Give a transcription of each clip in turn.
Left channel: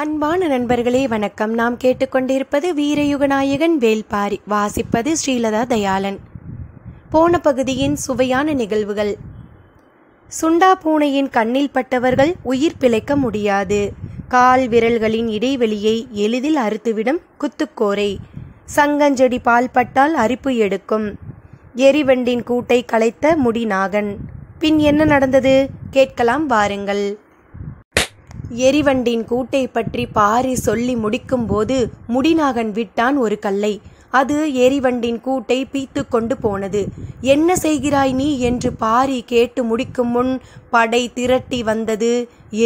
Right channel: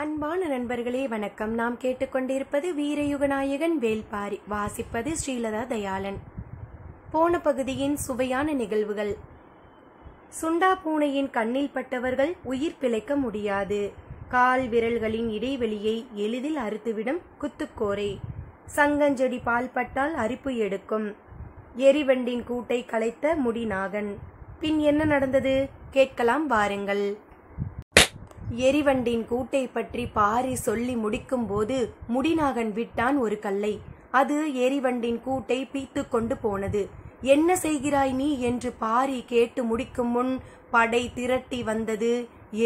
அன்பான நண்பர்களே வணக்கம். நாம் கேட்டுக்கொண்டிருப்பது வீரயுகநாயகன் வேள்பாரி. வாசிப்பது ஸ்ரீலதா தயாளன். போன பகுதியின் சுவையான நிகழ்வுகள். சுண்டா பூனையின் கண்ணில் பட்டவர்கள் உயிர் பிழைக்க முடியாது. கால் விரல்களின் இடைவெளியை எளிதில் அறுத்துவிடும் குத்துக்கோரை. சங்கஞ்செடி பால் பட்டால் அரிப்பு எடுக்கும். எரிவண்டின் கூட்டை கலைத்த முடிநாகன். பின் என்ன நடந்தது கேட்கலாம் வாருங்கள். எரிவண்டின் கூட்டை பற்றி பாரி சொல்லி முடிக்கும் போது முடிநாகன் விட்டான் ஒரு கல்லை. அது எரிவண்டின் கூட்டை பீத்து கொண்டு போனது. என்ன செய்கிறாய் நீ என்று பாரி கேட்டு முடிக்கும் முன் படை திரட்டி வந்தது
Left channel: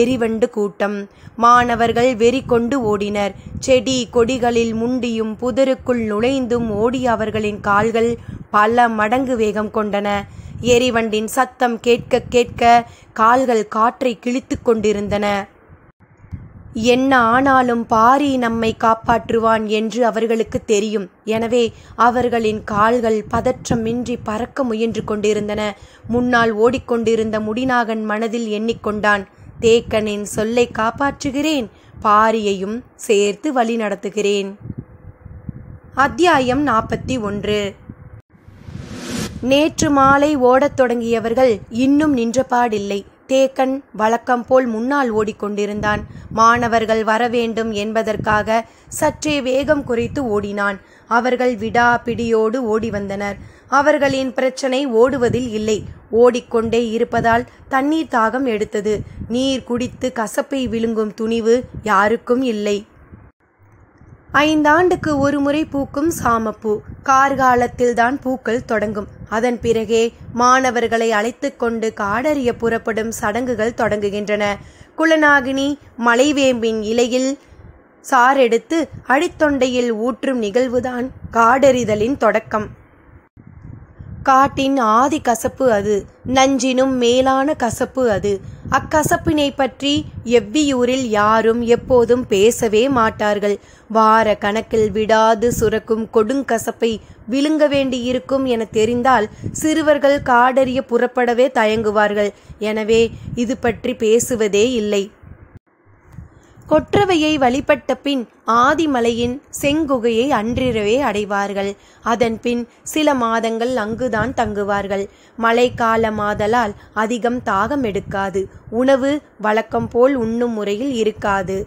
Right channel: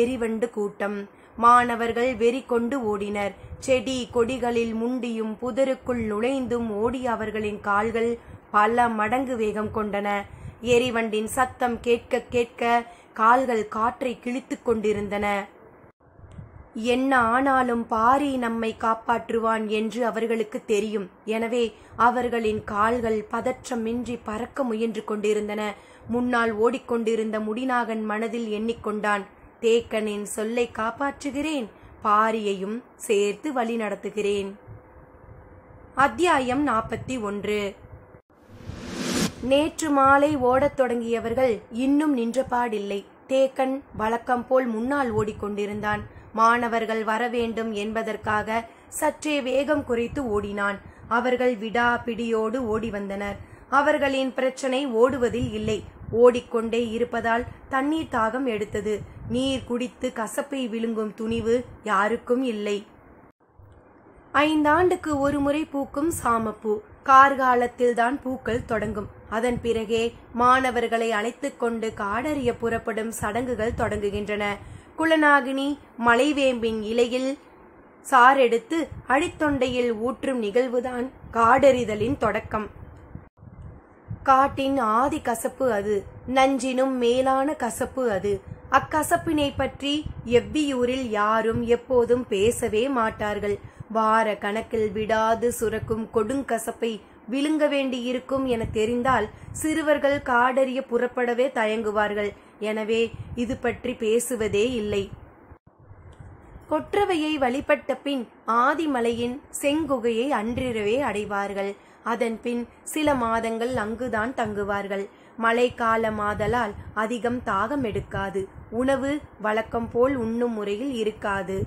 எரிவண்டு கூட்டம். மாணவர்கள் வெறி கொண்டு ஓடினர். செடி கொடிகளில் முண்டியும் புதருக்குள் நுழைந்தும் ஓடிய அவர்களின் கால்கள் பல மடங்கு வேகம் கொண்டன. எரிவண்டின் சத்தம் கேட்க கேட்க கால்கள் காற்றை கிழித்து கொண்டிருந்தன. என்ன ஆனாலும் பாரி நம்மை காப்பாற்றுவான் என்று அவர்களுக்கு தெரியும். எனவே அவர்களின் கால்கள் பதற்றமின்றி பறக்க முயன்று கொண்டிருந்தன. முன்னால் ஓடிக்கொண்டிருந்த முடிநாகன் மனதில் எண்ணிக்கொண்டான், தேக்கனின் சொல்லை காப்பாற்றுகிறேன், பாரியையும் சேர்த்து வழி நடத்துகிறேன். அத்தியாயம் 41. நேற்று மாலை ஓடத் தொடங்கியவர்கள் இன்னும் நின்றபாடில்லை. தேக்கன் வழக்கம் போல் முன்னால் ஓடிக்கொண்டிருந்தான். மாணவர்கள் வரவேண்டும் என்பதற்காக சற்றே வேகம் குறைத்து ஓடினான். அவர்கள் விடா பிடியோடு ஓடி வந்தனர். அவர்களின் பிரச்சனை ஓடுவதில் இல்லை, ஓடிக்கொண்டே இருப்பதால் தண்ணீர் தாகம் எடுத்தது. நீர் குடித்து கசப்பை விழுங்கும் துணிவு யாருக்கும் இல்லை. 5 ஆண்டுக்கு ஒரு முறை பூக்கும் சாமப்பூ. கார்காலத்தில்தான் பூக்கள் தொடங்கும். அதன் பிறகே மாணவர்களை அழைத்து கொண்டு காடறிய புறப்படும் சடங்குகள் தொடங்குகின்றன. குலநாகினி மலைவேம்பின் இலையில் சாரெடுத்து அடித்தொண்டையில் ஊற்றும் நிகழ்வுதான் காடறிதலின் தொடக்கம். காட்டின் ஆதி கசப்பு அது. நஞ்சினும் மேலான கசப்பு அது. அக்கசப்பினை பற்றி எவ்வியூரில் யாரும் எப்போதும் பேசவே மாட்டார்கள். வார கணக்கில் விடாது சுரக்கும் கொடுங்கசப்பை விழுங்க வேண்டியிருக்கும் என தெரிந்தால் சிறுவர்கள் காடறிய புறப்படவே தயங்குவார்கள். எனவே இது பற்றி பேசுவதே இல்லை. கொற்றவையை வழிபட்ட பின் ஆதிமலையின் செங்குகையை அன்றிரவே அடைவார்கள். அதன் பின் சில மாதங்கள் அங்குதான் தங்குவார்கள். மழைக்காலமாதலால் அதிகம் தாகம் எடுக்காது. உணவு வழக்கம் போல் உண்ணும் முறையில் இருக்காது.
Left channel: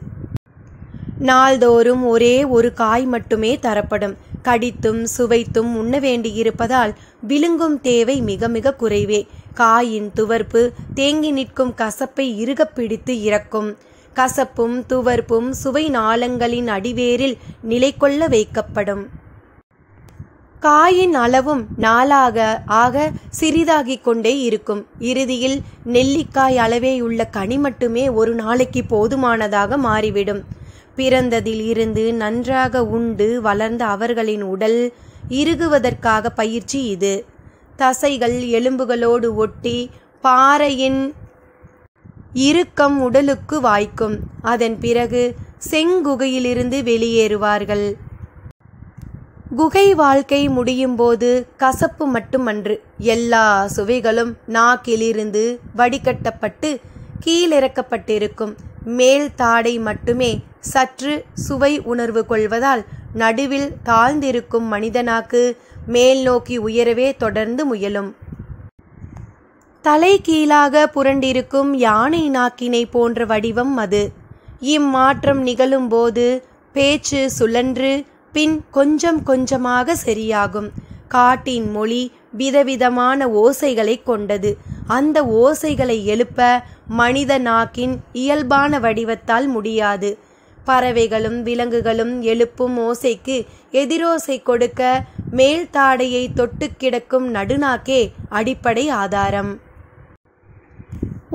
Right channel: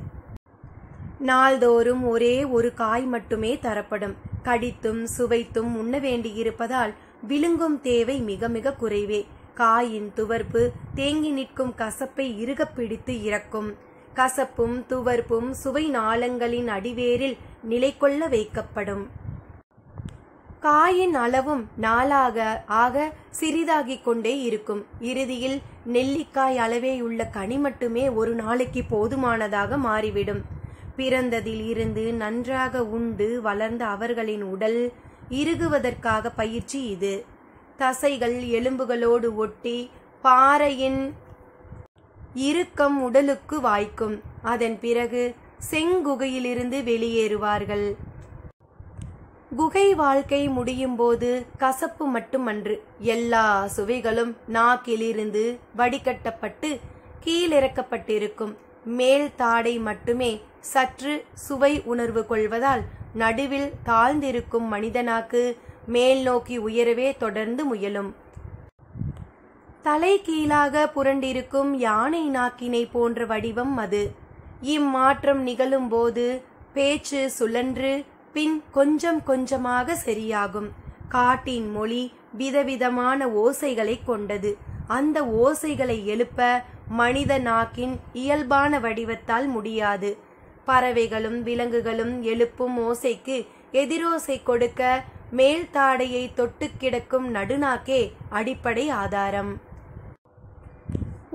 நாள்தோறும் ஒரே ஒரு காய் மட்டுமே தரப்படும். கடித்தும் சுவைத்தும் உண்ண வேண்டியிருப்பதால் விழுங்கும் தேவை மிக மிக குறைவே. காயின் துவர்ப்பு தேங்கி நிற்கும் கசப்பை இறுகப் பிடித்து இறக்கும். கசப்பும் துவர்ப்பும் சுவை நாளங்களின் அடிவேரில் நிலை கொள்ள வைக்கப்படும். காயின் அளவும் நாளாக ஆக சிறிதாகிக் கொண்டே இருக்கும். இறுதியில் நெல்லிக்காய் அளவேயுள்ள கனி மட்டுமே ஒரு நாளைக்கு போதுமானதாக மாறிவிடும். பிறந்ததில் இருந்து நன்றாக உண்டு வளர்ந்த அவர்களின் உடல் இறுகுவதற்காக பயிற்சி இது. தசைகள் எலும்புகளோடு ஒட்டி பாறையின் இறுக்கம் உடலுக்கு வாய்க்கும். அதன் பிறகு செங்குகையிலிருந்து வெளியேறுவார்கள். குகை வாழ்க்கை முடியும் போது கசப்பு மட்டுமன்று, எல்லா சுவைகளும் நாக்கிலிருந்து வடிகட்டப்பட்டு கீழிறக்கப்பட்டிருக்கும். மேல் தாடை மட்டுமே சற்று சுவை உணர்வு கொள்வதால் நடுவில் தாழ்ந்திருக்கும் மனிதனாக்கு மேல் நோக்கி உயரவே தொடர்ந்து முயலும். தலை கீழாக புரண்டிருக்கும் யானை நாக்கினை போன்ற வடிவம் அது. இம்மாற்றம் நிகழும் போது பேச்சு சுழன்று பின் கொஞ்சம் கொஞ்சமாக சரியாகும். காட்டின் மொழி விதவிதமான ஓசைகளை கொண்டது. அந்த ஓசைகளை எழுப்ப மனித நாக்கின் இயல்பான வடிவத்தால் முடியாது. பறவைகளும் விலங்குகளும் எழுப்பும் ஓசைக்கு எதிரோசை கொடுக்க மேல் தாடையை தொட்டு கிடக்கும் நடுநாக்கே அடிப்படை ஆதாரம்.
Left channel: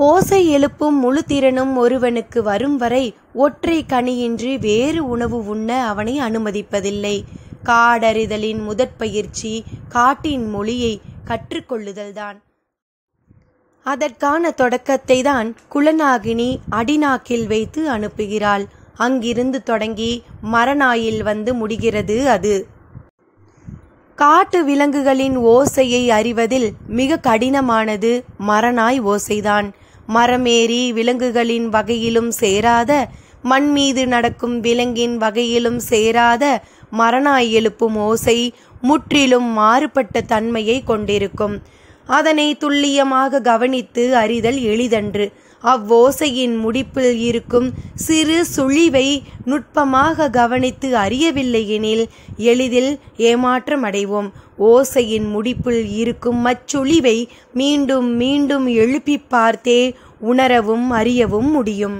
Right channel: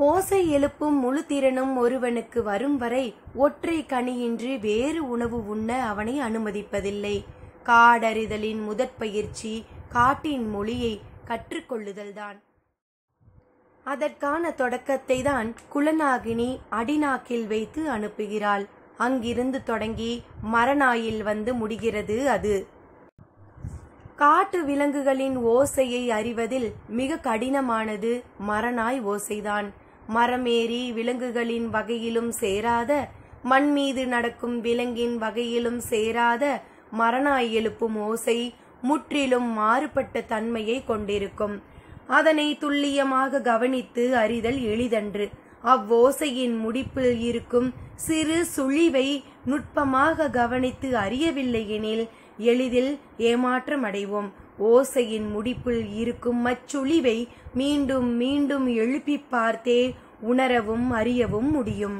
ஓசை எழுப்பும் முழு திறனும் ஒருவனுக்கு வரும் வரை ஒற்றை கனியின்றி வேறு உணவு உண்ண அவனை அனுமதிப்பதில்லை. காடறிதலின் முதற்பயிற்சி காட்டின் மொழியை கற்றுக்கொள்ளுதல்தான். அதற்கான தொடக்கத்தை தான் குலநாகினி அடிநாக்கில் வைத்து அனுப்புகிறாள். அங்கிருந்து தொடங்கி மரநாயில் வந்து முடிகிறது அது. காட்டு விலங்குகளின் ஓசையை அறிவதில் மிக கடினமானது மரநாய் ஓசைதான். மரமேறி விலங்குகளின் வகையிலும் சேராத மண் மீது நடக்கும் விலங்கின் வகையிலும் சேராத மரணாய் எழுப்பும் ஓசை முற்றிலும் மாறுபட்ட தன்மையை கொண்டிருக்கும். அதனை துல்லியமாக கவனித்து அறிதல் எளிதன்று. அவ்வோசையின் முடிப்பில் இருக்கும் சிறு சுழிவை நுட்பமாக கவனித்து அறியவில்லை எனில் எளிதில் ஏமாற்றமடைவோம். ஓசையின் முடிப்பில் இருக்கும் அச்சுழிவை மீண்டும் மீண்டும் எழுப்பி பார்த்தே உணரவும் அறியவும் முடியும்.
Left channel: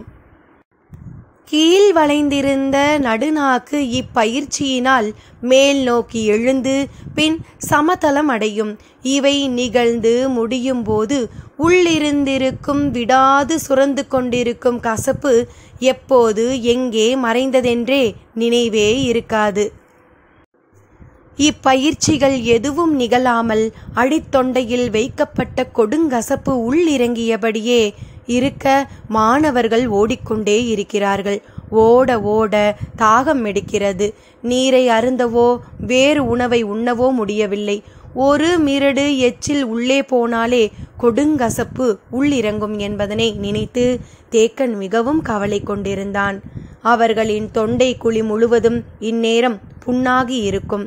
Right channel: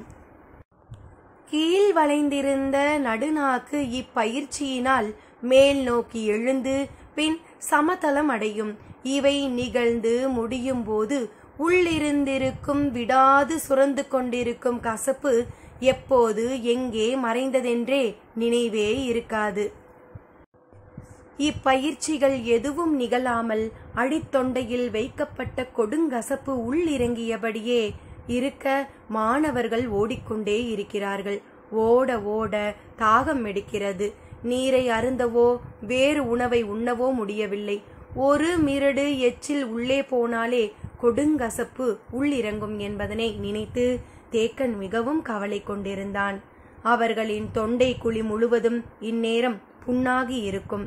கீழ் வளைந்திருந்த நடுநாக்கு இப்பயிற்சியினால் மேல் நோக்கி எழுந்து பின் சமதளம் அடையும். இவை நிகழ்ந்து முடியும் போது உள்ளிருந்திருக்கும் விடாது சுரந்து கொண்டிருக்கும் கசப்பு எப்போது எங்கே மறைந்ததென்றே நினைவே இருக்காது. இப்பயிற்சிகள் எதுவும் நிகழாமல் அடித்தொண்டையில் வைக்கப்பட்ட கொடுங்கசப்பு உள்ளிறங்கியபடியே இருக்க மாணவர்கள் ஓடிக்கொண்டே இருக்கிறார்கள். ஓட ஓட தாகம் எடுக்கிறது. நீரை அருந்தவோ வேறு உணவை உண்ணவோ முடியவில்லை. ஒரு மிரடு எச்சில் உள்ளே போனாலே கொடுங்கசப்பு உள்ளிறங்கும் என்பதனை நினைத்து தேக்கன் மிகவும் கவலை கொண்டிருந்தான். அவர்களின் தொண்டை குழி முழுவதும் இந்நேரம் புண்ணாகி இருக்கும்.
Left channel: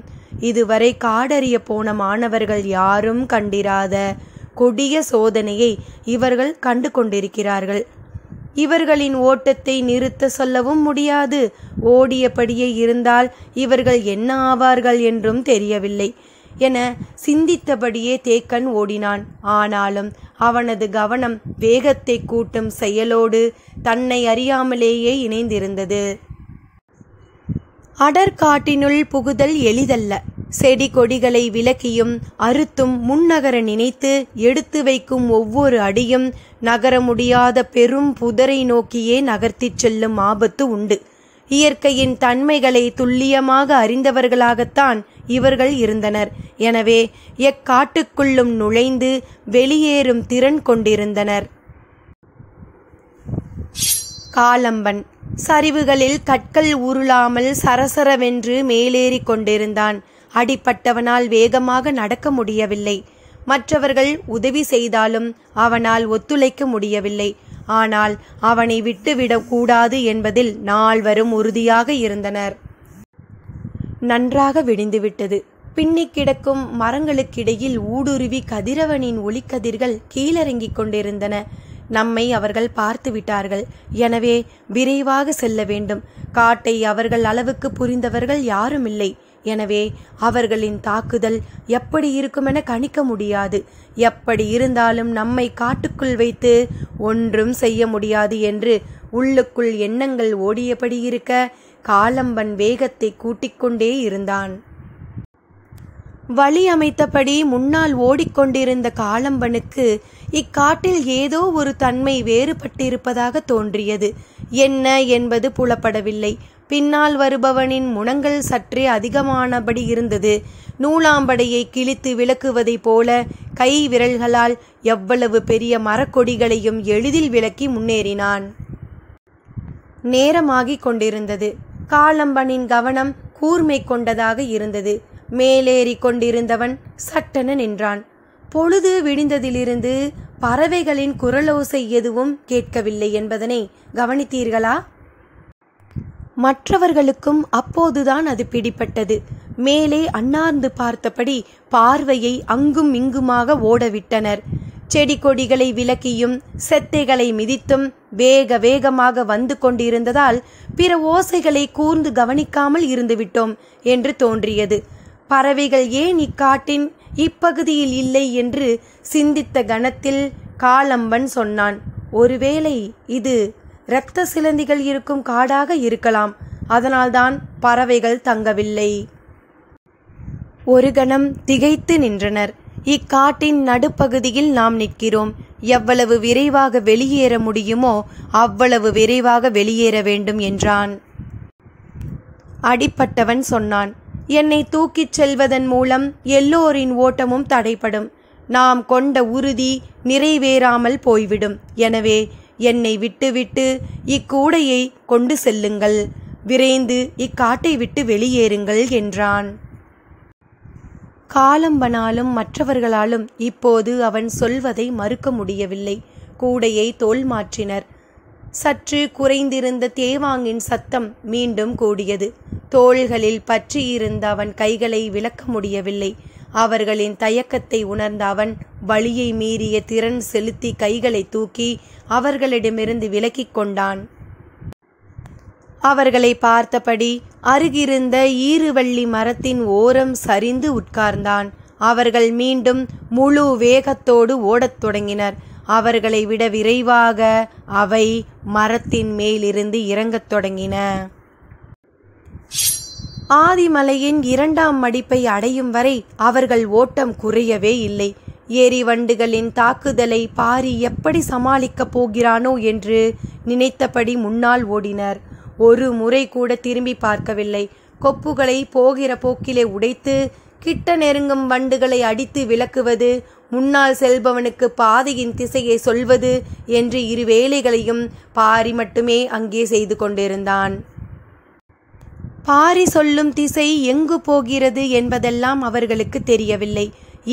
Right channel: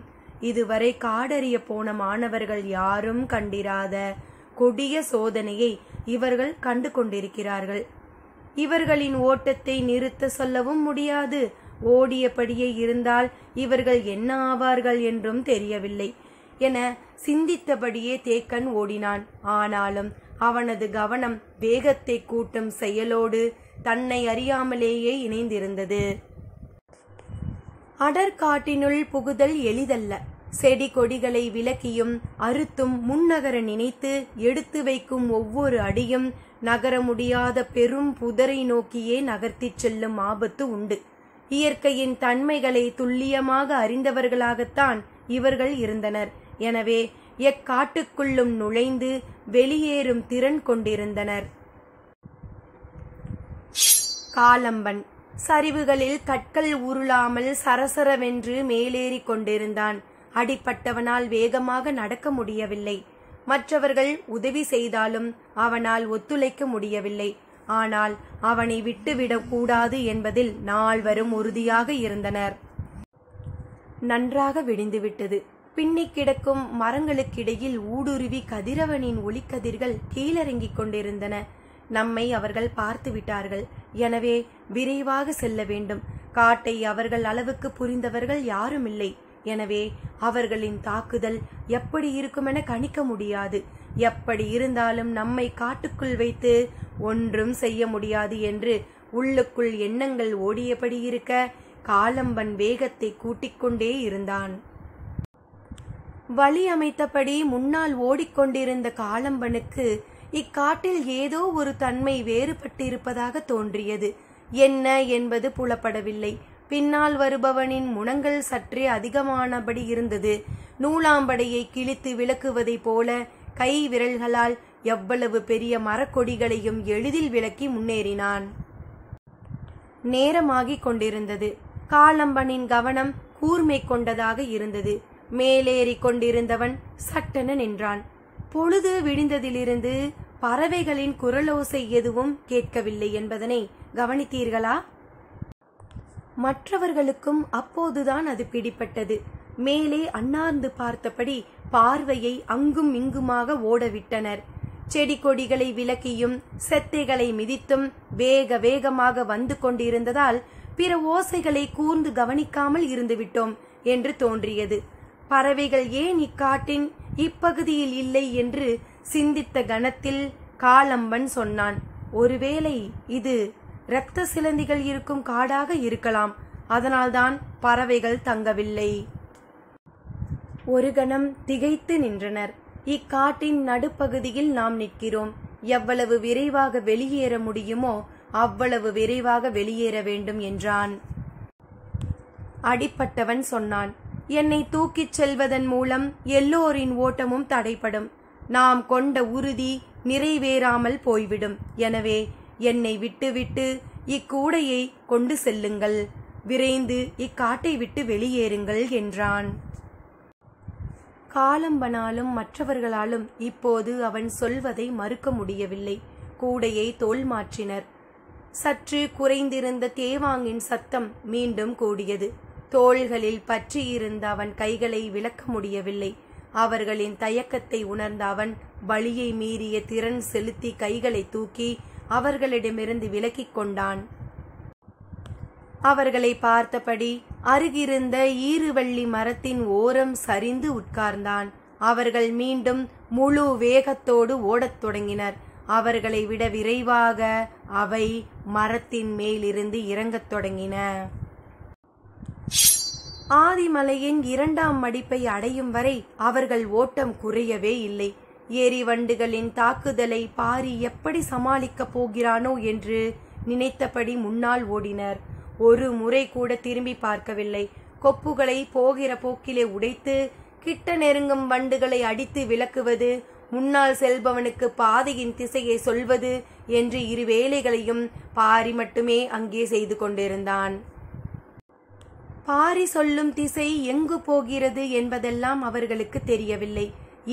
இதுவரை காடறிய போன மாணவர்கள் யாரும் கண்டிராத கொடிய சோதனையை இவர்கள் கண்டு கொண்டிருக்கிறார்கள். இவர்களின் ஓட்டத்தை நிறுத்த சொல்லவும் முடியாது. ஓடியபடியே இருந்தால் இவர்கள் என்ன ஆவார்கள் என்றும் தெரியவில்லை என சிந்தித்தபடியே தேக்கன் ஓடினான். ஆனாலும் அவனது கவனம் வேகத்தை கூட்டும் செயலோடு தன்னை அறியாமலேயே இணைந்திருந்தது. அடற்காட்டினுள் புகுதல் எளிதல்ல. செடி கொடிகளை விலக்கியும் அறுத்தும் முன்னகர நினைத்து எடுத்து வைக்கும் ஒவ்வொரு அடியும் நகர முடியாத பெரும் புதரை நோக்கியே நகர்த்திச் செல்லும் ஆபத்து உண்டு. இயற்கையின் தன்மைகளை துல்லியமாக அறிந்தவர்களாகத்தான் இவர்கள் இருந்தனர். எனவே எக்காட்டுக்குள்ளும் நுழைந்து வெளியேறும் திறன் கொண்டிருந்தனர். காலம்பன் சரிவுகளில் கற்கள் உருளாமல் சரசரவென்று மேலேறி கொண்டிருந்தான். அடிப்பட்டவனால் வேகமாக நடக்க முடியவில்லை. மற்றவர்கள் உதவி செய்தாலும் அவனால் ஒத்துழைக்க முடியவில்லை. ஆனால் அவனை விட்டுவிடக் கூடாது என்பதில் நால்வரும் உறுதியாக இருந்தனர். நன்றாக விடிந்துவிட்டது. பின்னி கிடக்கும் மரங்களுக்கிடையில் ஊடுருவி கதிரவனின் ஒளிக்கதிர்கள் கீழிறங்கிக் கொண்டிருந்தன. நம்மை அவர்கள் பார்த்து விட்டார்கள். எனவே விரைவாக செல்ல வேண்டும். காட்டை அவர்கள் அளவுக்கு புரிந்தவர்கள் யாரும் இல்லை. எனவே அவர்களின் தாக்குதல் எப்படி இருக்குமென கணிக்க முடியாது. எப்படி இருந்தாலும் நம்மை காட்டுக்குள் வைத்து ஒன்றும் செய்ய முடியாது என்று உள்ளுக்குள் எண்ணங்கள் ஓடியபடி இருக்க காலம்பன் வேகத்தை கூட்டிக்கொண்டே இருந்தான். வழி அமைத்தபடி முன்னால் ஓடிக்கொண்டிருந்த காலம்பனுக்கு இக்காட்டில் ஏதோ ஒரு தன்மை வேறுபட்டிருப்பதாக தோன்றியது. என்ன என்பது புலப்படவில்லை. பின்னால் வருபவனின் முனங்கள் சற்றே அதிகமானபடி இருந்தது. நூலாம்படையை கிழித்து விளக்குவதைப் போல கை விரல்களால் எவ்வளவு பெரிய மரக்கொடிகளையும் எளிதில் விலக்கி முன்னேறினான். நேரமாகிக் கொண்டிருந்தது. காலம்பனின் கவனம் கூர்மை கொண்டதாக இருந்தது. மேலேறி கொண்டிருந்தவன் சட்டென நின்றான். பொழுது விடிந்ததிலிருந்து பறவைகளின் குரலோசை எதுவும் கேட்கவில்லை என்பதனை கவனித்தீர்களா? மற்றவர்களுக்கும் அப்போதுதான் அது பிடிப்பட்டது. மேலே அண்ணாந்து பார்த்தபடி பார்வையை அங்கும் இங்குமாக ஓடவிட்டனர். செடி கொடிகளை விலக்கியும் செத்தைகளை மிதித்தும் வேக வேகமாக வந்து கொண்டிருந்ததால் பிற ஓசைகளை கூர்ந்து கவனிக்காமல் இருந்துவிட்டோம் என்று தோன்றியது. பறவைகள் ஏன் இக்காட்டின் இப்பகுதியில் இல்லை என்று சிந்தித்த கணத்தில் காலம்பன் சொன்னான், ஒருவேளை இது இரத்த சிலந்திகள் இருக்கும் காடாக இருக்கலாம். அதனால்தான் பறவைகள் தங்கவில்லை. ஒரு கணம் திகைத்து நின்றனர். இக்காட்டின் நடுப்பகுதியில் நாம் நிற்கிறோம். எவ்வளவு விரைவாக வெளியேற முடியுமோ அவ்வளவு விரைவாக வெளியேற வேண்டும் என்றான். அடிப்பட்டவன் சொன்னான், என்னை தூக்கிச் செல்வதன் மூலம் எல்லோரின் ஓட்டமும் தடைப்படும். நாம் கொண்ட உறுதி நிறைவேறாமல் போய்விடும். எனவே என்னை விட்டுவிட்டு இக்கூடையை கொண்டு செல்லுங்கள். விரைந்து இக்காட்டை விட்டு வெளியேறுங்கள் என்றான். காலம்பனாலும் மற்றவர்களாலும் இப்போது அவன் சொல்வதை மறுக்க முடியவில்லை. கூடையை தோல் மாற்றினர். சற்று குறைந்திருந்த தேவாங்கின் சத்தம் மீண்டும் கூடியது. தோள்களில் பற்றியிருந்த அவன் கைகளை விலக்க முடியவில்லை. அவர்களின் தயக்கத்தை உணர்ந்த அவன் வலியை மீறிய திறன் செலுத்தி கைகளை தூக்கி அவர்களிடமிருந்து விலக்கிக் கொண்டான். அவர்களை பார்த்தபடி அருகிருந்த ஈருவள்ளி மரத்தின் ஓரம் சரிந்து உட்கார்ந்தான். அவர்கள் மீண்டும் முழு வேகத்தோடு ஓடத் தொடங்கினர். அவர்களை விட விரைவாக அவை மரத்தின் மேலிருந்து இறங்கத் தொடங்கின. ஆதிமலையின் 2ஆம் மடிப்பை அடையும் வரை அவர்கள் ஓட்டம் குறையவே இல்லை. எரிவண்டுகளின் தாக்குதலை பாரி எப்படி சமாளிக்கப் போகிறானோ என்று நினைத்தபடி முன்னால் ஓடினர். ஒரு முறை கூட திரும்பி பார்க்கவில்லை. கொப்புகளை போகிற போக்கிலே உடைத்து கிட்ட நெருங்கும் வண்டுகளை அடித்து விலக்குவது, முன்னால் செல்பவனுக்கு பாதையின் திசையை சொல்வது என்று 2 வேலைகளையும் பாரி மட்டுமே அங்கே செய்து கொண்டிருந்தான். பாரி சொல்லும் திசை எங்கு போகிறது என்பதெல்லாம் அவர்களுக்கு தெரியவில்லை.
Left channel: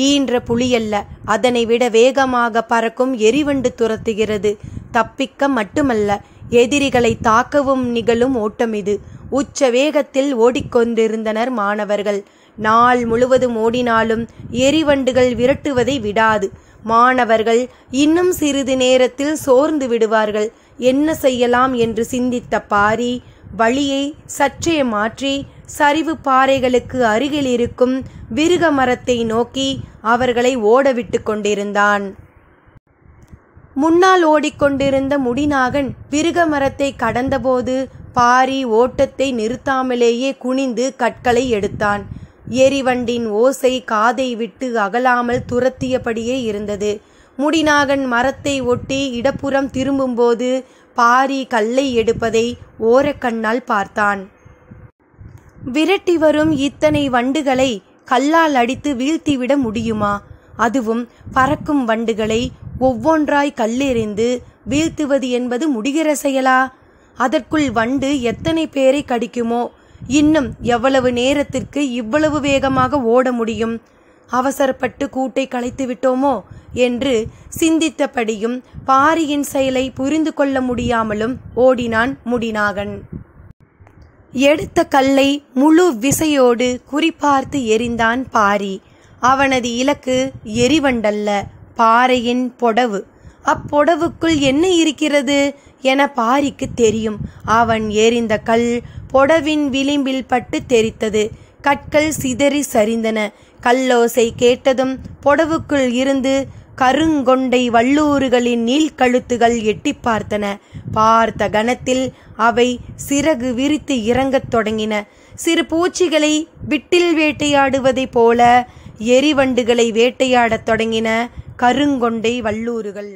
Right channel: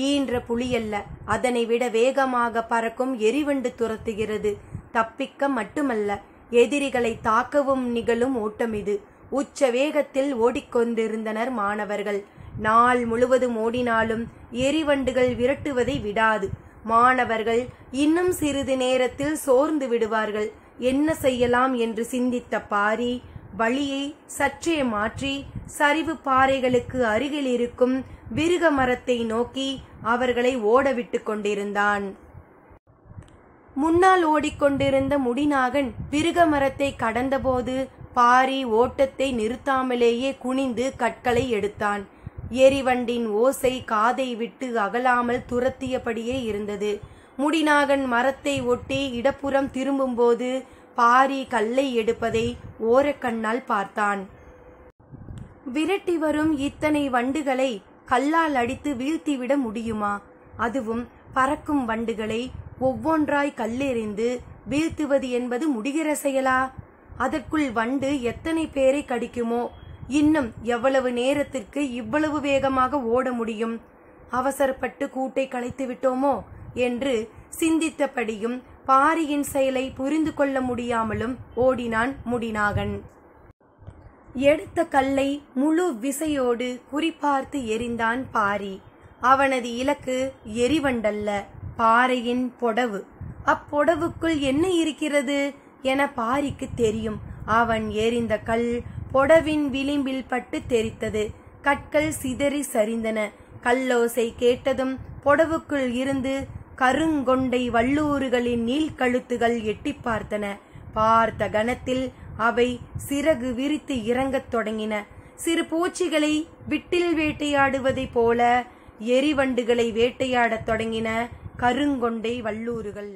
ஈன்ற புலியல்ல, அதனை விட வேகமாக பறக்கும் எரிவண்டு துரத்துகிறது. தப்பிக்க மட்டுமல்ல, எதிரிகளை தாக்கவும் நிகழும் ஓட்டம் இது. உச்ச வேகத்தில் ஓடிக்கொண்டிருந்தனர் மாணவர்கள். நாள் முழுவதும் ஓடினாலும் எரிவண்டுகள் விரட்டுவதை விடாது. மாணவர்கள் இன்னும் சிறிது நேரத்தில் சோர்ந்து விடுவார்கள். என்ன செய்யலாம் என்று சிந்தித்த பாரி வழியை சற்றே மாற்றி சரிவு பாறைகளுக்கு அருகில் இருக்கும் விருக மரத்தை நோக்கி அவர்களை ஓடவிட்டு கொண்டிருந்தான். முன்னால் ஓடிக்கொண்டிருந்த முடிநாகன் விருக மரத்தை கடந்தபோது பாரி ஓட்டத்தை நிறுத்தாமலேயே குனிந்து கற்களை எடுத்தான். எரிவண்டின் ஓசை காதை விட்டு அகலாமல் துரத்தியபடியே இருந்தது. முடிநாகன் மரத்தை ஒட்டி இடப்புறம் திரும்பும்போது பாரி கல்லை எடுப்பதை ஓரக்கண்ணால் பார்த்தான். விரட்டி வரும் இத்தனை வண்டுகளை கல்லால் அடித்து வீழ்த்திவிட முடியுமா? அதுவும் பறக்கும் வண்டுகளை ஒவ்வொன்றாய் கல்லெறிந்து வீழ்த்துவது என்பது முடிகிற செயலா? அதற்குள் வண்டு எத்தனை பேரை கடிக்குமோ? இன்னும் எவ்வளவு நேரத்திற்கு இவ்வளவு வேகமாக ஓட முடியும்? அவசரப்பட்டு கூட்டை கலைத்து விட்டோமோ என்று சிந்தித்தபடியும் பாரியின் செயலை புரிந்து கொள்ள முடியாமலும் ஓடினான் முடிநாகன். எடுத்த கல்லை முழு விசையோடு குறிப்பார்த்து எறிந்தான் பாரி. அவனது இலக்கு எரிவண்டல்ல, பாறையின் பொடவு. அப்பொடவுக்குள் என்ன இருக்கிறது என பாரிக்கு தெரியும். அவன் எறிந்த கல் பொடவின் விளிம்பில் பட்டு தெரித்தது. கற்கள் சிதறி சரிந்தன. கல்லோசை கேட்டதும் பொடவுக்குள் இருந்து கருங்கொண்டை வல்லூறுகளின் நீள்கழுத்துகள் எட்டி பார்த்தன. பார்த்த கணத்தில் அவை சிறகு விரித்து இறங்கத் தொடங்கின. சிறு பூச்சிகளை விட்டில் வேட்டையாடுவதை போல எரிவண்டுகளை வேட்டையாடத் தொடங்கின கருங்கொண்டை வல்லூறுகள்.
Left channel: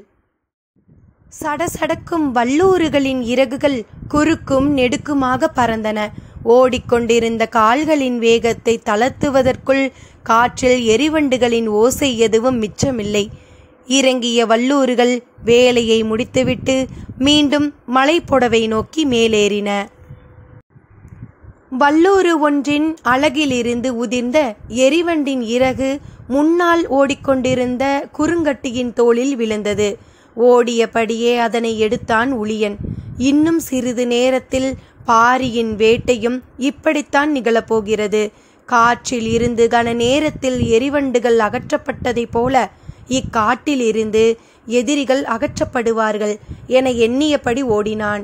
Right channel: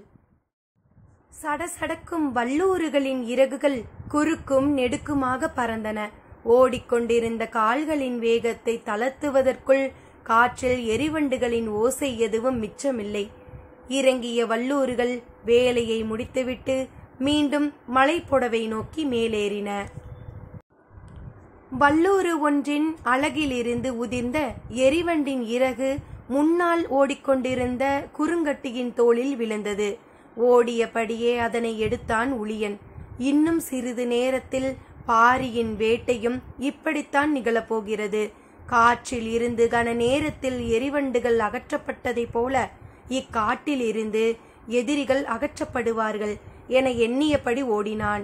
சடசடக்கும் வல்லூறுகளின் இறகுகள் குறுக்கும் நெடுக்குமாக பறந்தன. ஓடிக்கொண்டிருந்த கால்களின் வேகத்தை தளர்த்துவதற்குள் காற்றில் எரிவண்டுகளின் ஓசை எதுவும் மிச்சமில்லை. இறங்கிய வல்லூறுகள் வேலையை முடித்துவிட்டு மீண்டும் மலைப்பொடவை நோக்கி மேலேறின. வல்லூறு ஒன்றின் அலகிலிருந்து உதிர்ந்த எரிவண்டின் இறகு முன்னால் ஓடிக்கொண்டிருந்த குறுங்கட்டியின் தோளில் விழுந்தது. ஓடியபடியே அதனை எடுத்தான் உளியன். இன்னும் சிறிது நேரத்தில் பாரியின் வேட்டையும் இப்படித்தான் நிகழப்போகிறது. காற்றில் இருந்து கன நேரத்தில் எரிவண்டுகள் அகற்றப்பட்டதைப் போல இக்காட்டில் இருந்து எதிரிகள் அகற்றப்படுவார்கள் என எண்ணியபடி ஓடினான்.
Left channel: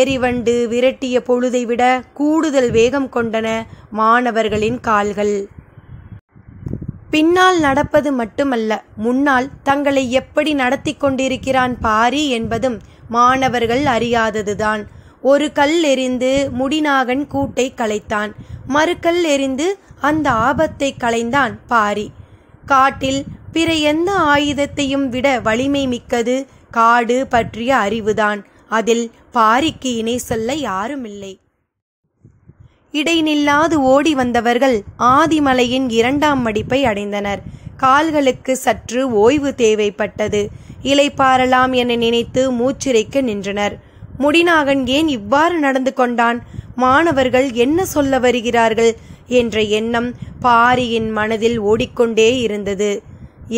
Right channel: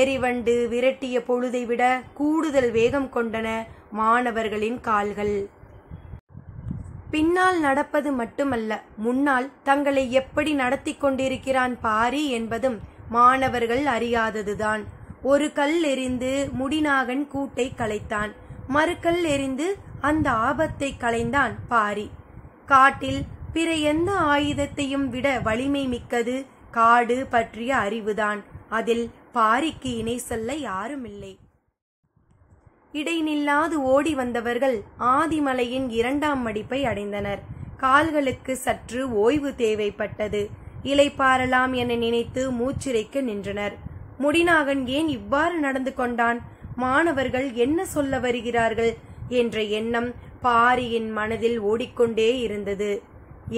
எரிவண்டு விரட்டிய பொழுதை விட கூடுதல் வேகம் கொண்டன மாணவர்களின் கால்கள். பின்னால் நடப்பது மட்டுமல்ல, முன்னால் தங்களை எப்படி நடத்தி கொண்டிருக்கிறான் பாரி என்பதும் மாணவர்கள் அறியாததுதான். ஒரு கல் எறிந்து முடிநாகன் கூட்டை கலைத்தான். மறுக்கல் எறிந்து அந்த ஆபத்தை களைந்தான் பாரி. காட்டில் பிற எந்த ஆயுதத்தையும் விட வலிமை மிக்கது காடு பற்றிய அறிவுதான். அதில் பாரிக்கு இணை சொல்ல யாருமில்லை. இடைநில்லாது ஓடி வந்தவர்கள் ஆதிமலையின் 2ஆம் மடிப்பை அடைந்தனர். கால்களுக்கு சற்று ஓய்வு தேவைப்பட்டது. இளைப்பாறலாம் என நினைத்து மூச்சிறைக்க நின்றனர். முடிநாகன் ஏன் இவ்வாறு நடந்து கொண்டான்? மாணவர்கள் என்ன சொல்ல வருகிறார்கள் என்ற எண்ணம் பாரியின் மனதில் ஓடிக்கொண்டே இருந்தது.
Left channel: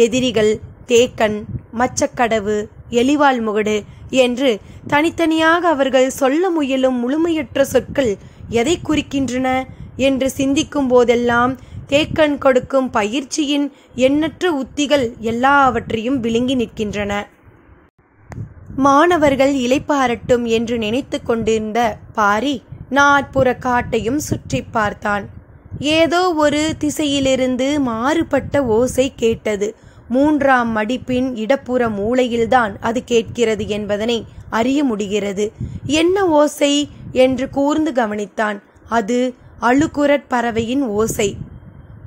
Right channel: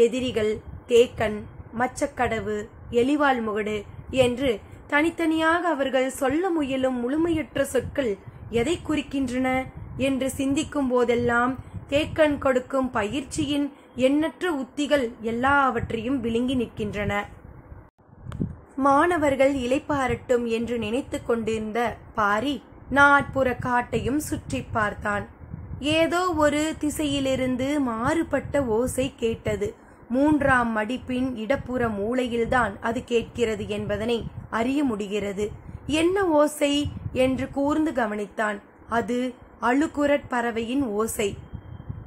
எதிரிகள் தேக்கன், மச்சக்கடவு, எலிவால் முகடு என்று தனித்தனியாக அவர்கள் சொல்ல முயலும் முழுமையற்ற சொற்கள் எதை குறிக்கின்றன என்று சிந்திக்கும் போதெல்லாம் தேக்கன் கொடுக்கும் பயிற்சியின் எண்ணற்ற உத்திகள் எல்லாவற்றையும் விழுங்கி நிற்கின்றன. மாணவர்கள் இளைப்பாரட்டும் என்று நினைத்து கொண்டிருந்த பாரி நாட்புற காட்டையும் சுற்றி பார்த்தான். ஏதோ ஒரு திசையிலிருந்து மாறுபட்ட ஓசை கேட்டது. 3ஆம் மடிப்பின் இடப்புற மூலையில்தான் அது கேட்கிறது என்பதனை அறிய முடிகிறது. என்ன ஓசை என்று கூர்ந்து கவனித்தான். அது அழுகுரற் பறவையின் ஓசை.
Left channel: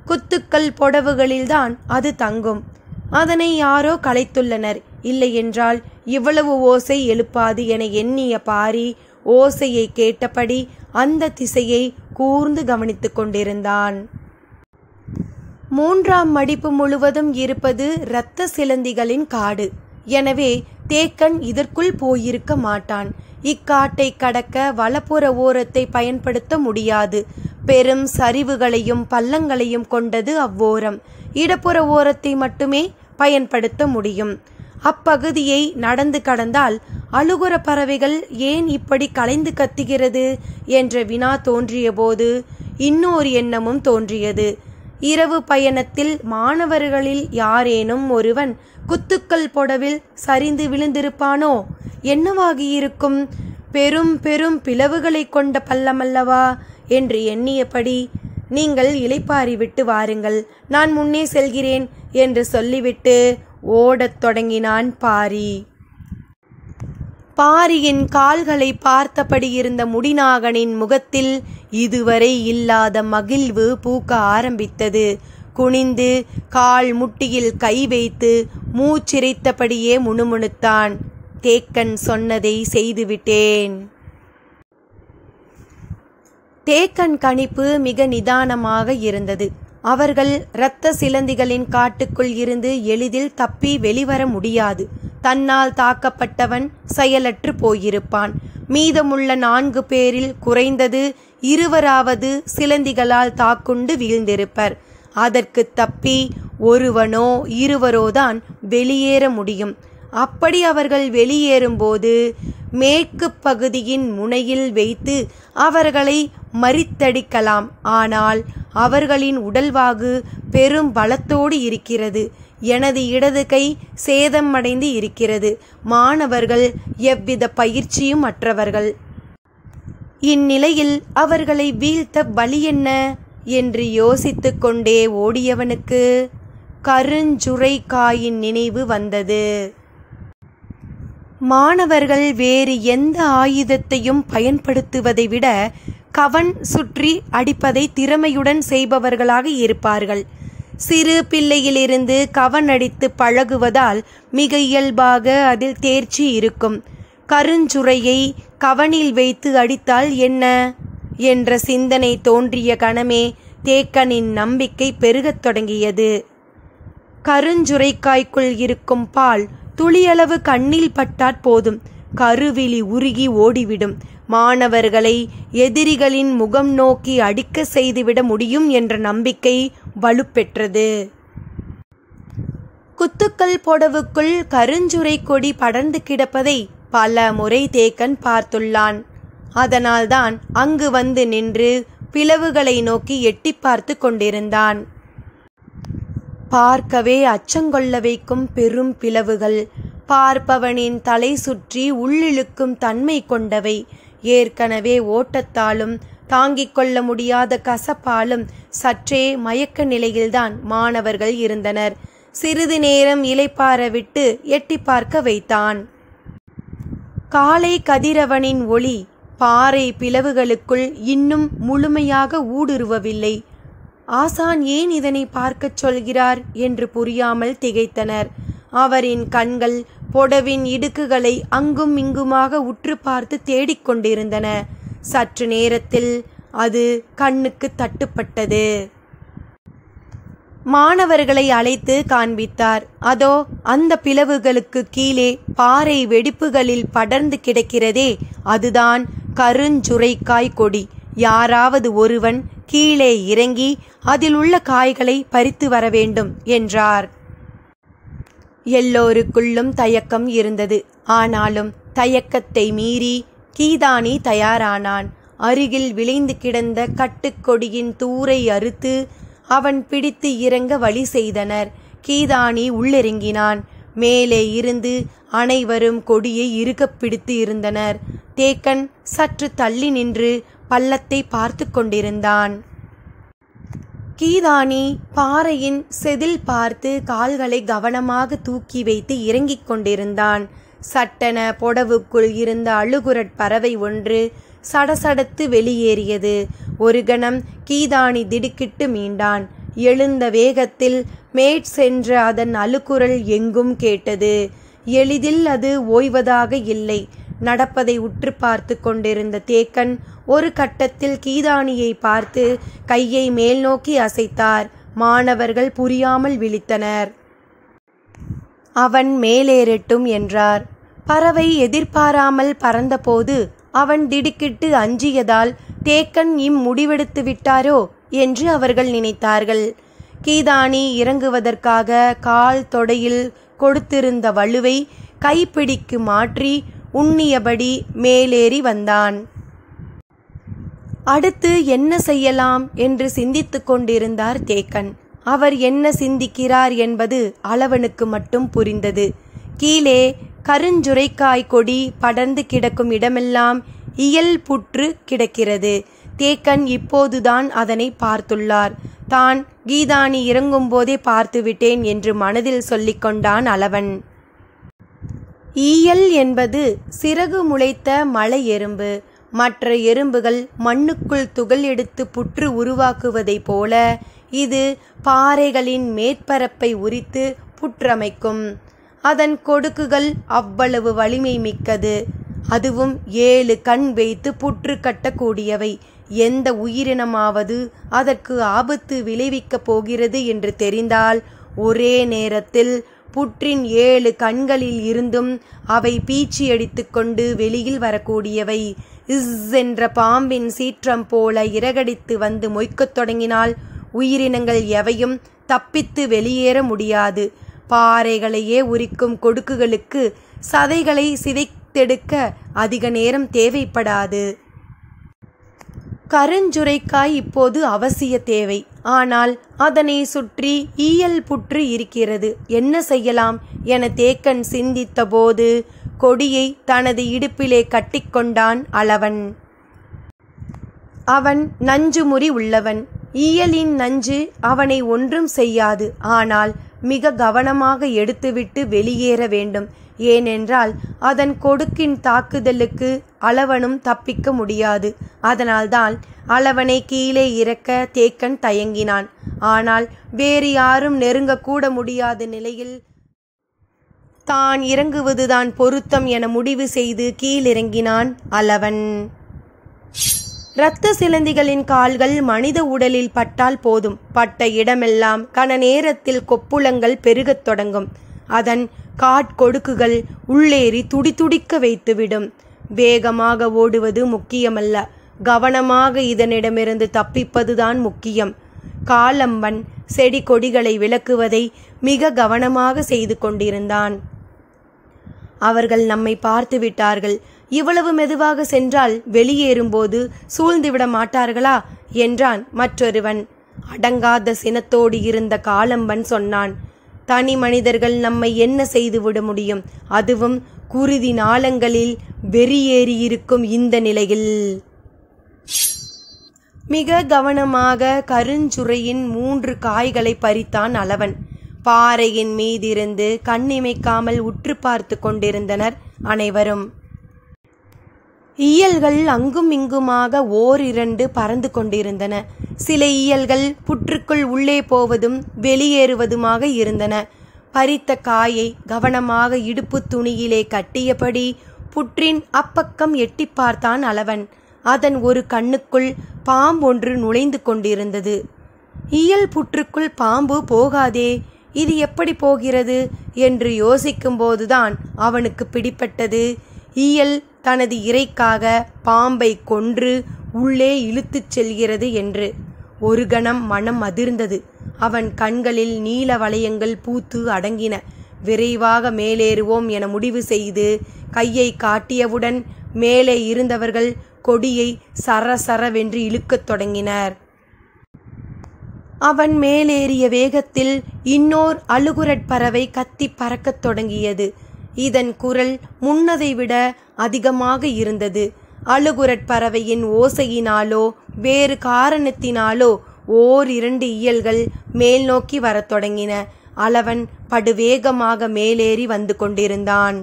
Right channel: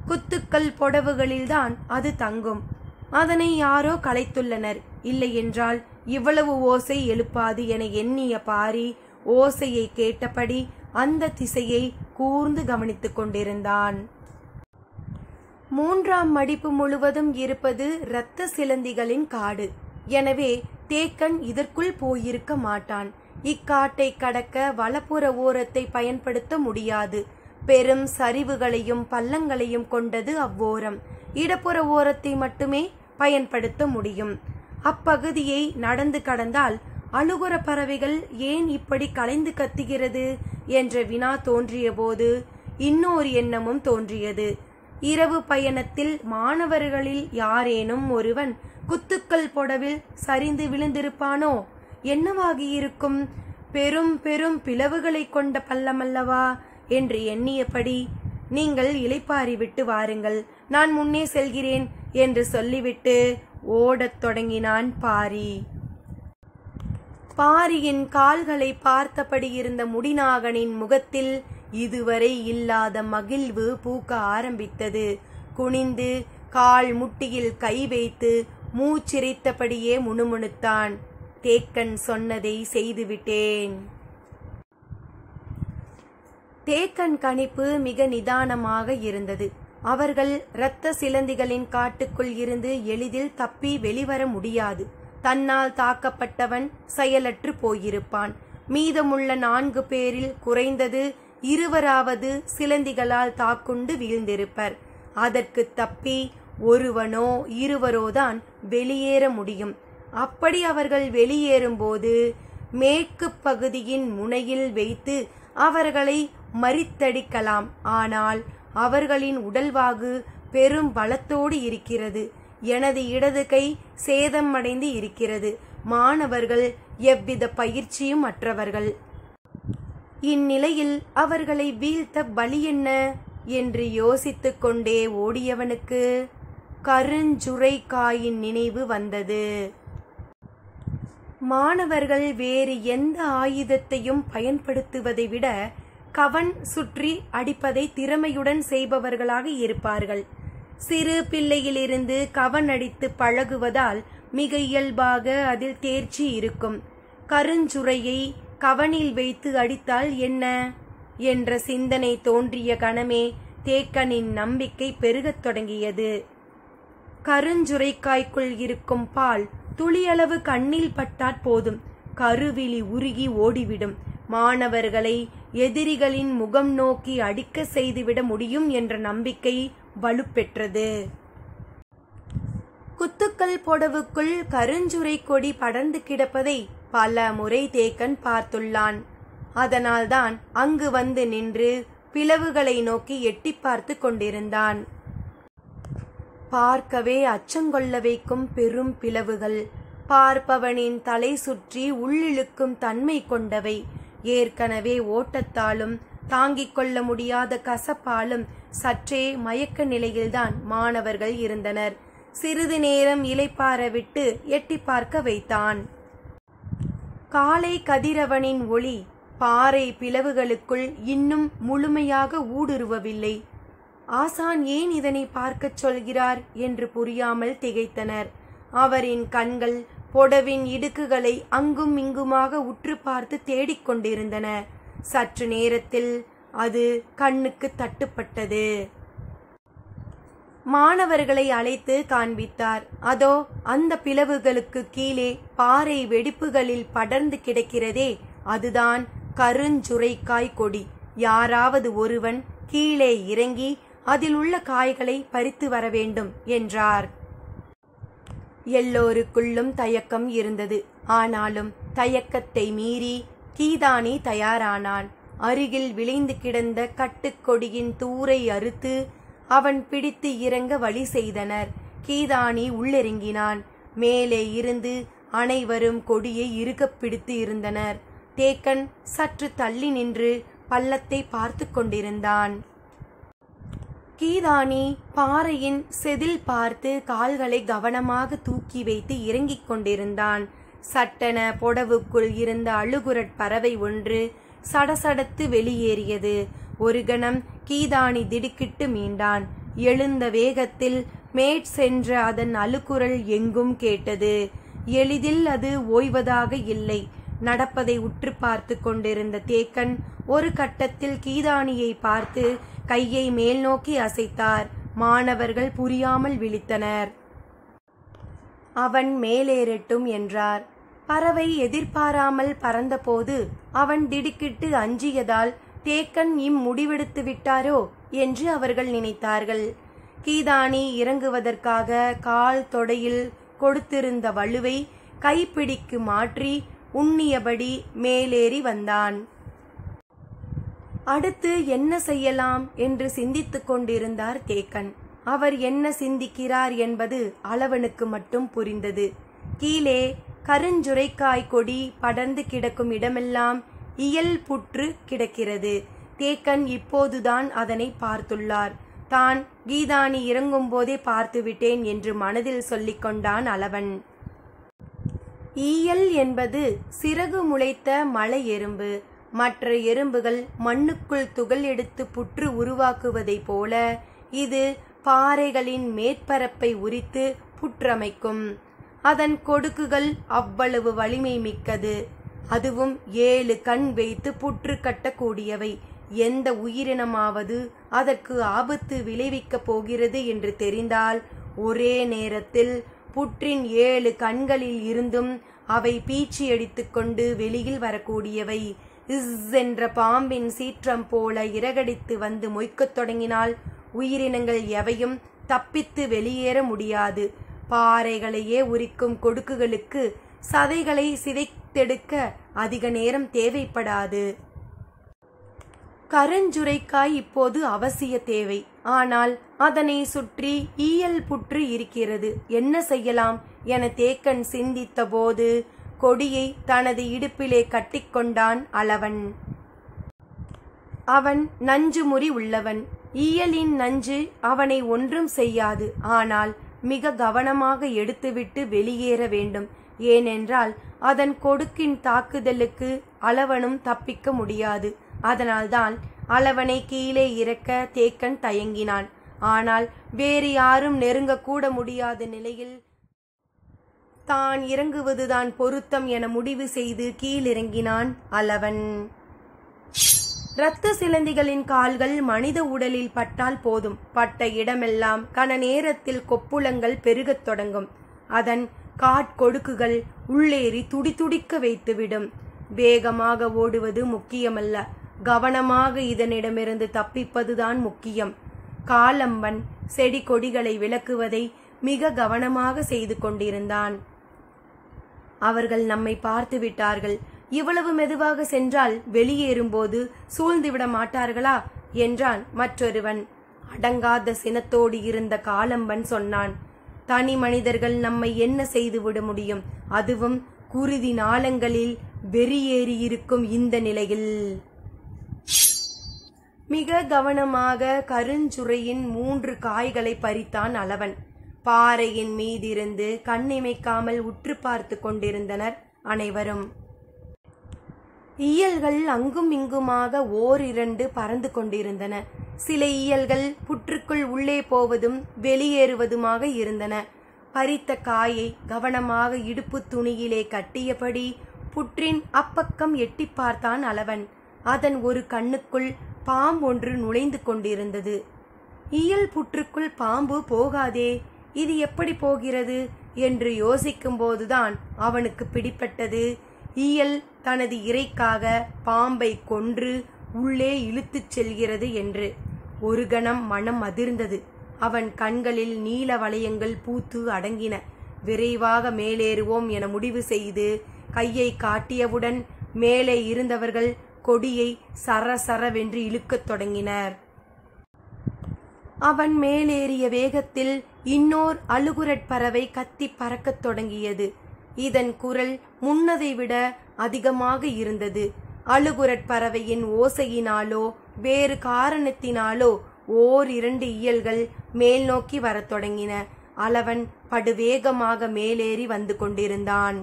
குத்துக்கள் புடவுகளில்தான் அது தங்கும். அதனை யாரோ கலைத்துள்ளனர். இல்லையென்றால் இவ்வளவு ஓசை எழுப்பாது என எண்ணிய பாரி ஓசையை கேட்டபடி அந்த திசையை கூர்ந்து கவனித்துக் கொண்டிருந்தான். 3ஆம் மடிப்பு முழுவதும் இருப்பது இரத்த சிலந்திகளின் காடு. எனவே தேக்கன் இதற்குள் போயிருக்க மாட்டான். இக்காட்டை கடக்க வலப்புற ஓரத்தை பயன்படுத்த முடியாது. பெரும் சரிவுகளையும் பள்ளங்களையும் கொண்டது அவ்வோரம். இடப்புற ஓரத்தை மட்டுமே பயன்படுத்த முடியும். அப்பகுதியை நடந்து கடந்தால் அழுகுற பறவைகள் ஏன் இப்படி கலைந்து கத்துகிறது என்ற வினா தோன்றிய போது இன்னொரு எண்ணமும் தோன்றியது. இரவு பயணத்தில் மாணவர்களில் யாரேனும் ஒருவன் குத்துக்கள் புடவில் சரிந்து விழுந்திருப்பானோ? என்னவாகியிருக்கும்? பெரும் பெரும் பிளவுகளை கொண்ட பள்ளமல்லவா என்று எண்ணியபடி, நீங்கள் இளைப்பாரி விட்டு வாருங்கள், நான் முன்னே செல்கிறேன் என்று சொல்லிவிட்டு ஓடத் தொடங்கினான் பாரி. பாரியின் கால்களை பார்த்தபடி இருந்த முடிநாகனின் முகத்தில் இதுவரை இல்லாத மகிழ்வு பூக்க ஆரம்பித்தது. குனிந்து கால் முட்டியில் கை வைத்து மூச்சிரைத்தபடியே முணுமுணுத்தான். தேக்கன் சொன்னதை செய்துவிட்டேன். தேக்கன் கணிப்பு மிக நிதானமாக இருந்தது. அவர்கள் இரத்த சிலந்திகளின் காட்டுக்குள் இருந்து எளிதில் தப்பி வெளிவர முடியாது. தன்னால் தாக்கப்பட்டவன் செயலற்று போயிருப்பான். மீதமுள்ள 4 பேரில் குறைந்தது 2 சிலந்திகளால் தாக்குண்டு வீழ்ந்திருப்பர். அதற்கு தப்பி ஒருவனோ 2 தான் வெளியேற முடியும். அப்படி அவர்கள் வெளியேறும்போது மேற்கு பகுதியின் முனையில் வைத்து அவர்களை மறித்தடிக்கலாம். ஆனால் அவர்களின் உடல்வாகு பெரும் பலத்தோடு இருக்கிறது. எனது இடது கை சேதம் அடைந்து இருக்கிறது. மாணவர்கள் எவ்வித பயிற்சியும் அற்றவர்கள். இந்நிலையில் அவர்களை வீழ்த்த வழி என்ன என்று யோசித்து கொண்டே ஓடியவனுக்கு கருஞ்சுரைக்காயின் நினைவு வந்தது. மாணவர்கள் வேறு எந்த ஆயுதத்தையும் பயன்படுத்துவதை விட கவன் சுற்றி அடிப்பதை திறமையுடன் செய்பவர்களாக இருப்பார்கள். சிறு பிள்ளையிலிருந்து கவன் அடித்து பழகுவதால் மிக இயல்பாக அதில் தேர்ச்சி இருக்கும். கருஞ்சுரையை கவனில் வைத்து அடித்தால் என்ன என்ற சிந்தனை தோன்றிய கணமே தேக்கனின் நம்பிக்கை பெருகத் தொடங்கியது. கருஞ்சுரைக்காய்க்குள் இருக்கும் பால் துளியளவு கண்ணில் பட்டாற் போதும், கருவிழி உருகி ஓடிவிடும். மாணவர்களை எதிரிகளின் முகம் நோக்கி அடிக்க செய்துவிட முடியும் என்ற நம்பிக்கை வலுப்பெற்றது. குத்துக்கள் புடவுக்குள் கருஞ்சுரை கொடி படர்ந்து கிடப்பதை பல முறை தேக்கன் பார்த்துள்ளான். அதனால்தான் அங்கு வந்து நின்று பிளவுகளை நோக்கி எட்டி பார்த்து கொண்டிருந்தான். பார்க்கவே அச்சங்கொள்ள வைக்கும் பெரும் பிளவுகள், பார்ப்பவனின் தலை சுற்றி உள்ளிழுக்கும் தன்மை கொண்டவை. ஏற்கனவே ஓட்டத்தாலும் தாங்கிக் கொள்ள முடியாத கசப்பாலும் சற்றே மயக்க நிலையில்தான் மாணவர்கள் இருந்தனர். சிறிது நேரம் இளைப்பாற விட்டு எட்டி பார்க்க வைத்தான். காலை கதிரவனின் ஒளி பாறை பிளவுகளுக்குள் இன்னும் முழுமையாக ஊடுருவவில்லை. ஆசான் ஏன் இதனை பார்க்கச் சொல்கிறார் என்று புரியாமல் திகைத்தனர். அவரின் கண்கள் புடவின் இடுக்குகளை அங்கும் இங்குமாக உற்று பார்த்து தேடிக்கொண்டிருந்தன. சற்று நேரத்தில் அது கண்ணுக்கு தட்டுப்பட்டது. மாணவர்களை அழைத்து காண்பித்தார். அதோ அந்த பிளவுகளுக்கு கீழே பாறை வெடிப்புகளில் படர்ந்து கிடக்கிறதே, அதுதான் கருஞ்சுரைக்காய் கொடி. யாராவது ஒருவன் கீழே இறங்கி அதில் உள்ள காய்களை பறித்து வர வேண்டும் என்றார். எல்லோருக்குள்ளும் தயக்கம் இருந்தது. ஆனாலும் தயக்கத்தை மீறி கீதானி தயாரானான். அருகில் விளைந்து கிடந்த கட்டுக்கொடியின் தூரை அறுத்து அவன் பிடித்து இறங்க வழி செய்தனர். கீதானி உள்ளிறங்கினான். மேலே இருந்து அனைவரும் கொடியை இறுகப் பிடித்து இருந்தனர். தேக்கன் சற்று தள்ளி நின்று பள்ளத்தை பார்த்து கொண்டிருந்தான். கீதானி பாறையின் செதில் பார்த்து கால்களை கவனமாக தூக்கி வைத்து இறங்கிக் கொண்டிருந்தான். சட்டென பொடவுக்குள் இருந்த அழுகுரட் பறவை ஒன்று சடசடத்து வெளியேறியது. ஒரு கணம் கீதானி திடுக்கிட்டு மீண்டான். எழுந்த வேகத்தில் மேட் சென்ற அதன் அழுகுரல் எங்கும் கேட்டது. எளிதில் அது ஓய்வதாக இல்லை. நடப்பதை உற்று பார்த்து கொண்டிருந்த தேக்கன் ஒரு கட்டத்தில் கீதானியை பார்த்து கையை மேல் நோக்கி அசைத்தார். மாணவர்கள் புரியாமல் விழித்தனர். அவன் மேலேறட்டும் என்றார். பறவை எதிர்பாராமல் பறந்தபோது அவன் திடுக்கிட்டு அஞ்சியதால் தேக்கன் முடிவெடுத்து விட்டாரோ என்று அவர்கள் நினைத்தார்கள். கீதானி இறங்குவதற்காக கால் தொடையில் கொடுத்திருந்த வலுவை கைப்பிடிக்கு மாற்றி உண்ணியபடி மேலேறி வந்தான். அடுத்து என்ன செய்யலாம் என்று சிந்தித்து கொண்டிருந்தார் தேக்கன். அவர் என்ன சிந்திக்கிறார் என்பது அளவனுக்கு மட்டும் புரிந்தது. கீழே கருஞ்சுரைக்காய் கொடி படர்ந்து கிடக்கும் இடமெல்லாம் இயல் புற்று கிடக்கிறது. தேக்கன் இப்போதுதான் அதனை பார்த்துள்ளார். தான் கீதானி இறங்கும் போதே பார்த்துவிட்டேன் என்று மனதில் சொல்லிக்கொண்டான் அளவன். ஈயல் என்பது சிறகு முளைத்த மலை எறும்பு. மற்ற எறும்புகள் மண்ணுக்குள் துகள் எடுத்து புற்று உருவாக்குவதைப் போல இது பாறைகளின் மேற்பரப்பை உரித்து புற்றமைக்கும். அதன் கொடுக்குகள் அவ்வளவு வலிமை மிக்கது. அதுவும் 7 கண் வைத்து புற்று கட்டக்கூடியவை. எந்த உயிரினமாவது அதற்கு ஆபத்து விளைவிக்கப் போகிறது என்று தெரிந்தால் ஒரே நேரத்தில் புற்றின் 7 கண்களில் இருந்தும் அவை பீச்சியடித்து கொண்டு வெளியில் வரக்கூடியவை. என்ற பாம்பின் சீற்றம் போல இறகடித்து வந்து மொய்க்கத் தொடங்கினால் உயிரினங்கள் எவையும் தப்பித்து வெளியேற முடியாது. பாறைகளையே உரிக்கும் கொடுக்குகளுக்கு சதைகளை சிதைத்தெடுக்க அதிக நேரம் தேவைப்படாது. கருஞ்சுரைக்காய் இப்போது அவசிய தேவை. ஆனால் அதனை சுற்றி ஈயல் புற்று இருக்கிறது. என்ன செய்யலாம் என தேக்கன் சிந்தித்த போது கொடியை தனது இடுப்பிலே கட்டிக்கொண்டான் அளவன். அவன் நஞ்சுமுறி உள்ளவன். ஈயலின் நஞ்சு அவனை ஒன்றும் செய்யாது. ஆனால் மிக கவனமாக எடுத்துவிட்டு வெளியேற வேண்டும். ஏனென்றால் அதன் கொடுக்கின் தாக்குதலுக்கு அளவனும் தப்பிக்க முடியாது. அதனால்தான் அளவனை கீழே இறக்க தேக்கன் தயங்கினான். ஆனால் வேறு யாரும் நெருங்கக்கூட முடியாத நிலையில் தான் இறங்குவதுதான் பொருத்தம் என முடிவு செய்து கீழிறங்கினான் அளவன். இரத்த சிலந்திகளின் கால்கள் மனித உடலில் பட்டால் போதும். பட்ட இடமெல்லாம் கன நேரத்தில் கொப்புளங்கள் பெருகத் தொடங்கும். அதன் காட்கொடுக்குகள் உள்ளேறி துடிதுடிக்க வைத்துவிடும். வேகமாக ஓடுவது முக்கியமல்ல, கவனமாக இதனிடமிருந்து தப்பிப்பதுதான் முக்கியம். காலம்பன் செடி கொடிகளை விலக்குவதை மிக கவனமாக செய்து கொண்டிருந்தான். அவர்கள் நம்மை பார்த்து விட்டார்கள். இவ்வளவு மெதுவாக சென்றால் வெளியேறும்போது சூழ்ந்துவிட மாட்டார்களா என்றான் மற்றொருவன். அடங்காத சினத்தோடு இருந்த காலம்பன் சொன்னான், தனி மனிதர்கள் நம்மை என்ன செய்துவிட முடியும்? அதுவும் குருதி நாளங்களில் வெறியேறியிருக்கும் இந்த நிலையில். மிக கவனமாக கருஞ்சுரையின் 3 காய்களை பறித்தான் அளவன். பாறையின் மீதிருந்து கண்ணிமைக்காமல் உற்று பார்த்து கொண்டிருந்தனர் அனைவரும். ஈயல்கள் அங்கும் இங்குமாக ஓரிரண்டு பறந்து கொண்டிருந்தன. சில ஈயல்கள் புற்றுக்குள் உள்ளே போவதும் வெளியேறுவதுமாக இருந்தன. பறித்த காயை கவனமாக இடுப்பு துணியிலே கட்டியபடி புற்றின் அப்பக்கம் எட்டி பார்த்தான் அளவன். அதன் ஒரு கண்ணுக்குள் பாம்பொன்று நுழைந்து கொண்டிருந்தது. ஈயல் புற்றுக்குள் பாம்பு போகாதே, இது எப்படி போகிறது என்று யோசிக்கும் போதுதான் அவனுக்கு பிடிப்பட்டது. ஈயல் தனது இரைக்காக பாம்பை கொன்று உள்ளே இழுத்துச் செல்கிறது என்று. ஒரு கணம் மனம் அதிர்ந்தது. அவன் கண்களில் நீல வளையங்கள் பூத்து அடங்கின. விரைவாக மேலேறுவோம் என முடிவு செய்து கையை காட்டியவுடன் மேலே இருந்தவர்கள் கொடியை சரசரவென்று இழுக்கத் தொடங்கினர். அவன் மேலேறிய வேகத்தில் இன்னோர் அழுகுரற் பறவை கத்தி பறக்கத் தொடங்கியது. இதன் குரல் முன்னதை விட அதிகமாக இருந்தது. அழுகுரற் பறவையின் ஓசையினாலோ வேறு காரணத்தினாலோ ஓரிரண்டு இயல்கள் மேல் நோக்கி வரத் தொடங்கின. அளவன் படுவேகமாக மேலேறி வந்து கொண்டிருந்தான்.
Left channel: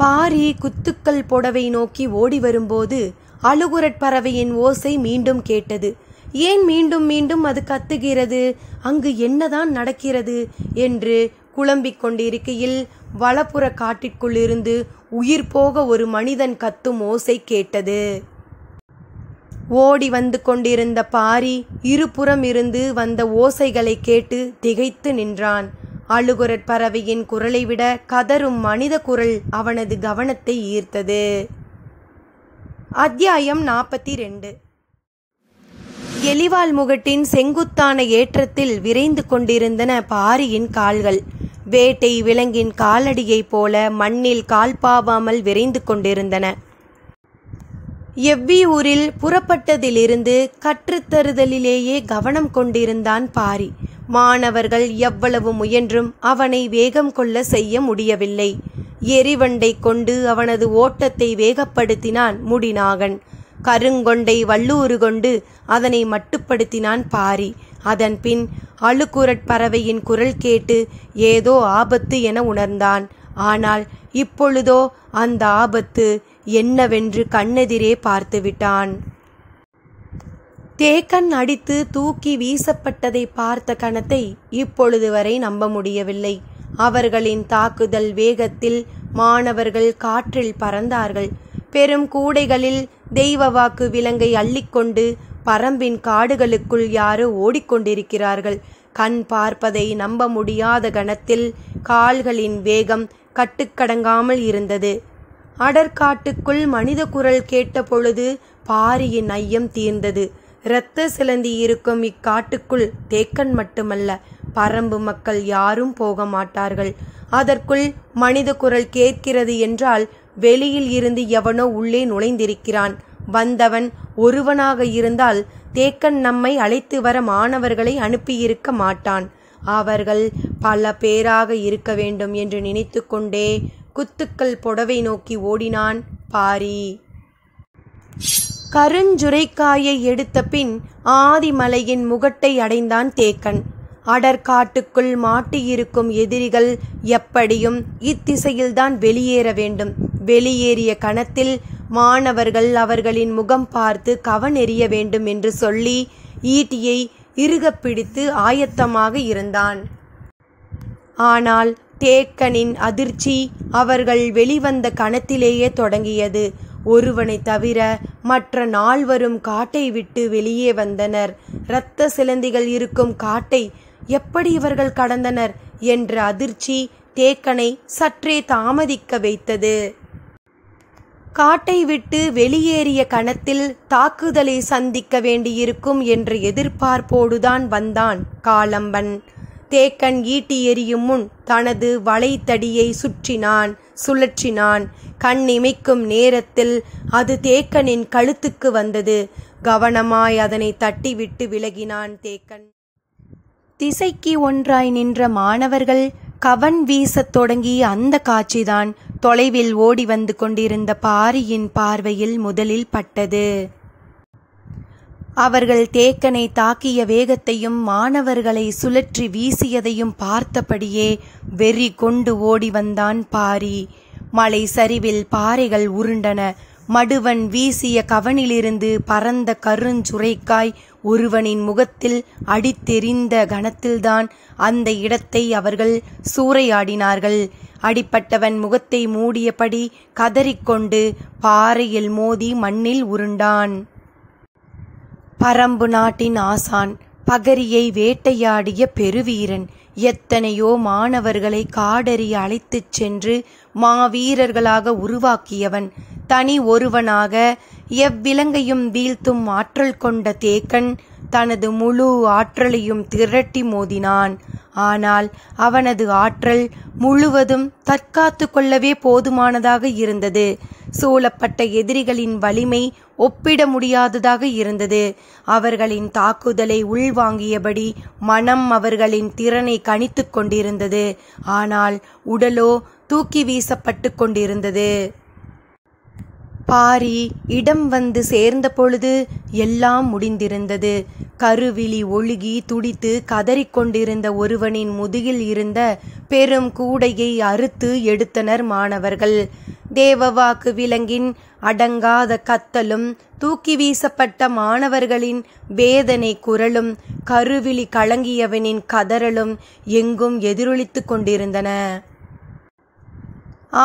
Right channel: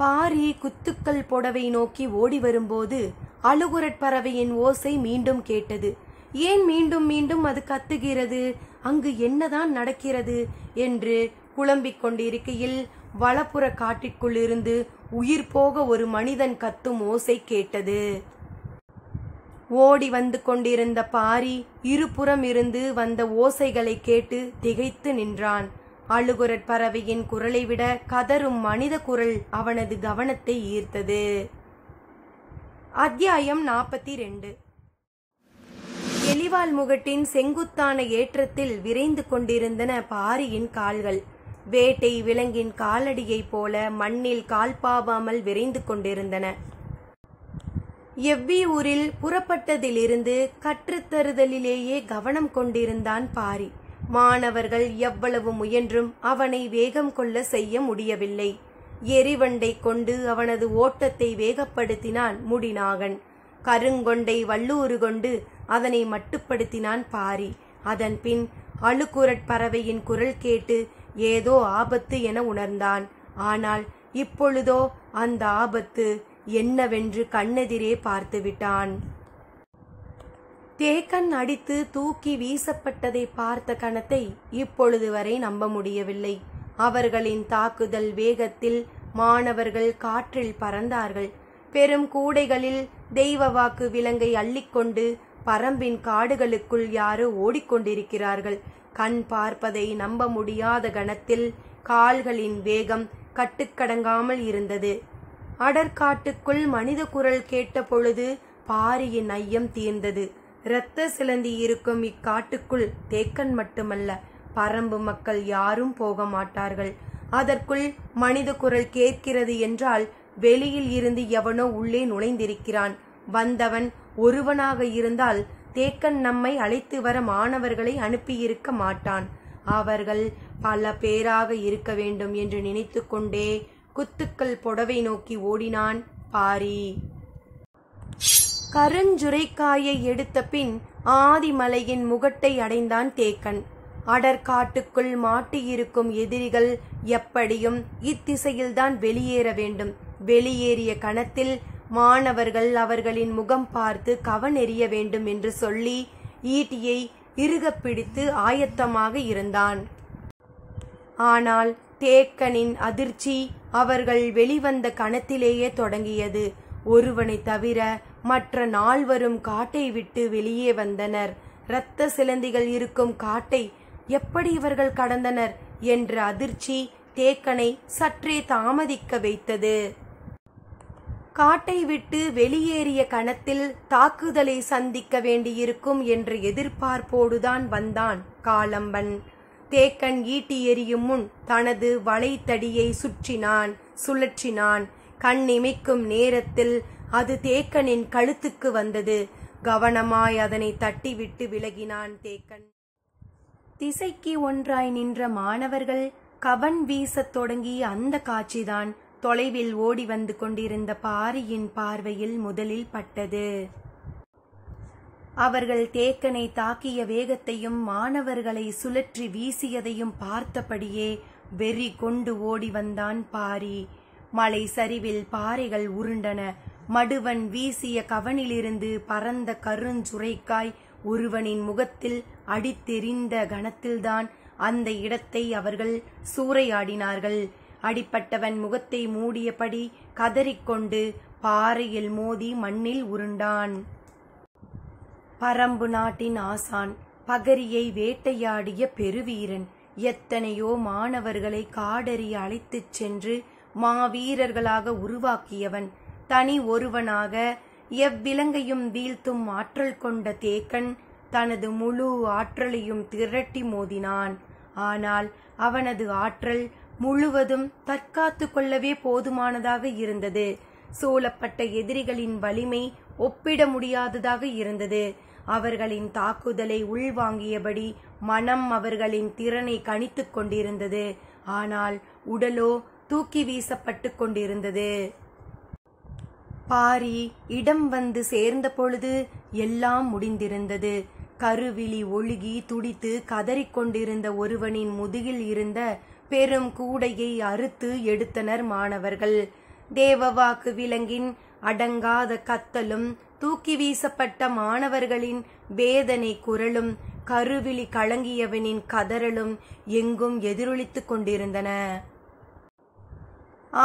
பாரி குத்துக்கள் புடவை நோக்கி ஓடி வரும்போது அழுகுரற் பறவையின் ஓசை மீண்டும் கேட்டது. ஏன் மீண்டும் மீண்டும் அது கத்துகிறது? அங்கு என்னதான் நடக்கிறது என்று குழம்பிக் கொண்டிருக்கையில் வலப்புற காட்டிற்குள் இருந்து உயிர் போக ஒரு மனிதன் கத்தும் ஓசை கேட்டது. ஓடி வந்து கொண்டிருந்த பாரி இருபுறம் இருந்து வந்த ஓசைகளை கேட்டு திகைத்து நின்றான். அழுகுரற் பறவையின் குரலை விட கதரும் மனித குரல் அவனது கவனத்தை ஈர்த்தது. அத்தியாயம் 42. எலிவால் முகட்டின் செங்குத்தான ஏற்றத்தில் விரைந்து கொண்டிருந்தன பாரியின் கால்கள். வேட்டை விலங்கின் காலடியைப் போல மண்ணில் கால் பாவாமல் விரைந்து கொண்டிருந்தன. எவ்வியூரில் புறப்பட்டதிலிருந்து கற்றுத்தருதலிலேயே கவனம் கொண்டிருந்தான் பாரி. மாணவர்கள் எவ்வளவு முயன்றும் அவனை வேகம் கொள்ள செய்ய முடியவில்லை. எரிவண்டை கொண்டு அவனது ஓட்டத்தை வேகப்படுத்தினான் முடிநாகன். கருங்கொண்டை வல்லூறு கொண்டு அதனை மட்டுப்படுத்தினான் பாரி. அதன் பின் அழுகுரற் பறவையின் குரல் கேட்டு ஏதோ ஆபத்து என உணர்ந்தான். ஆனால் இப்பொழுதோ அந்த ஆபத்து என்னவென்று கண்ணெதிரே பார்த்துவிட்டான். தேக்கன் அடித்து தூக்கி வீசப்பட்டதை பார்த்த கணத்தை இப்பொழுது வரை நம்ப முடியவில்லை. அவர்களின் தாக்குதல் வேகத்தில் மாணவர்கள் காற்றில் பறந்தார்கள். பெரும் கூடைகளில் தெய்வ வாக்கு விலங்கை அள்ளிக்கொண்டு பரம்பின் காடுகளுக்குள் யாரோ ஓடிக்கொண்டிருக்கிறார்கள். கண் பார்ப்பதை நம்ப முடியாத கணத்தில் கால்களின் வேகம் கட்டுக்கடங்காமல் இருந்தது. அடற்காட்டுக்குள் மனித குரல் கேட்ட பொழுது பாரியின் ஐயம் தீர்ந்தது. இரத்த சிலந்தி இருக்கும் இக்காட்டுக்குள் தேக்கன் மட்டுமல்ல, பரம்பு மக்கள் யாரும் போக மாட்டார்கள். அதற்குள் மனித குரல் கேட்கிறது என்றால் வெளியில் இருந்து எவனோ உள்ளே நுழைந்திருக்கிறான். வந்தவன் ஒருவனாக இருந்தால் தேக்கன் நம்மை அழைத்து வர மாணவர்களை அனுப்பியிருக்க மாட்டான். அவர்கள் பல பேராக இருக்க வேண்டும் என்று நினைத்து கொண்டே குத்துக்கள் புடவை நோக்கி ஓடினான் பாரி. கருஞ்சுரைக்காயை எடுத்த பின் ஆதிமலையின் முகட்டை அடைந்தான் தேக்கன். அடற்காட்டுக்குள் மாட்டியிருக்கும் எதிரிகள் எப்படியும் இத்திசையில்தான் வெளியேற வேண்டும். வெளியேறிய கணத்தில் மாணவர்கள் அவர்களின் முகம் பார்த்து கவனெறிய வேண்டும் என்று சொல்லி ஈட்டியை இறுகப் பிடித்து ஆயத்தமாக இருந்தான். ஆனால் தேக்கனின் அதிர்ச்சி அவர்கள் வெளிவந்த கணத்திலேயே தொடங்கியது. ஒருவனை தவிர மற்ற நால்வரும் காட்டை விட்டு வெளியே வந்தனர். இரத்த சிலந்திகள் இருக்கும் காட்டை எப்படி இவர்கள் கடந்தனர் என்ற அதிர்ச்சி தேக்கனை சற்றே தாமதிக்க வைத்தது. காட்டை விட்டு வெளியேறிய கணத்தில் தாக்குதலை சந்திக்க வேண்டியிருக்கும் என்ற எதிர்பார்ப்போடுதான் வந்தான் காலம்பன். தேக்கன் ஈட்டி எறியும் முன் தனது வளைத்தடியை சுழற்றினான். கண் இமைக்கும் நேரத்தில் அது தேக்கனின் கழுத்துக்கு வந்தது. கவனமாய் அதனை தட்டிவிட்டு விலகினான் தேக்கன். திசைக்கு ஒன்றாய் நின்ற மாணவர்கள் கவன் வீசத் தொடங்கிய அந்த காட்சிதான் தொலைவில் ஓடி வந்து கொண்டிருந்த பாரியின் பார்வையில் முதலில் பட்டது. அவர்கள் தேக்கனை தாக்கிய வேகத்தையும் மாணவர்களை சுழற்றி வீசியதையும் பார்த்தபடியே வெறி கொண்டு ஓடி வந்தான் பாரி. மலை சரிவில் பாறைகள் உருண்டன. மடுவன் வீசிய கவனிலிருந்து பறந்த கருஞ்சுரைக்காய் ஒருவனின் முகத்தில் அடித்தெறிந்த கணத்தில்தான் அந்த இடத்தை அவர்கள் சூறையாடினார்கள். அடிப்பட்டவன் முகத்தை மூடியபடி கதறிக்கொண்டு பாறையில் மோதி மண்ணில் உருண்டான். பரம்பு நாட்டின் ஆசான், பகரியை வேட்டையாடிய பெருவீரன், எத்தனையோ மாணவர்களை காடறி அழைத்துச் சென்று மாவீரர்களாக உருவாக்கியவன், தனி ஒருவனாக எவ்விலங்கையும் வீழ்த்தும் ஆற்றல் கொண்ட தேக்கன் தனது முழு ஆற்றலையும் திரட்டி மோதினான். ஆனால் அவனது ஆற்றல் முழுவதும் தற்காத்து கொள்ளவே போதுமானதாக இருந்தது. சூழப்பட்ட எதிரிகளின் வலிமை ஒப்பிட முடியாததாக இருந்தது. அவர்களின் தாக்குதலை உள்வாங்கியபடி மனம் அவர்களின் திறனை கணித்து கொண்டிருந்தது. ஆனால் உடலோ தூக்கி வீசப்பட்டு கொண்டிருந்தது. பாரி இடம் வந்து சேர்ந்த பொழுது எல்லாம் முடிந்திருந்தது. கருவிழி ஒழுகி துடித்து கதறிக்கொண்டிருந்த ஒருவனின் முதுகில் இருந்த பெரும் கூடையை அறுத்து எடுத்தனர் மாணவர்கள். தேவவாக்கு விலங்கின் அடங்காத கத்தலும் தூக்கி வீசப்பட்ட மாணவர்களின் வேதனை குரலும் கருவிழி கலங்கியவனின் கதறலும் எங்கும் எதிரொலித்து கொண்டிருந்தன.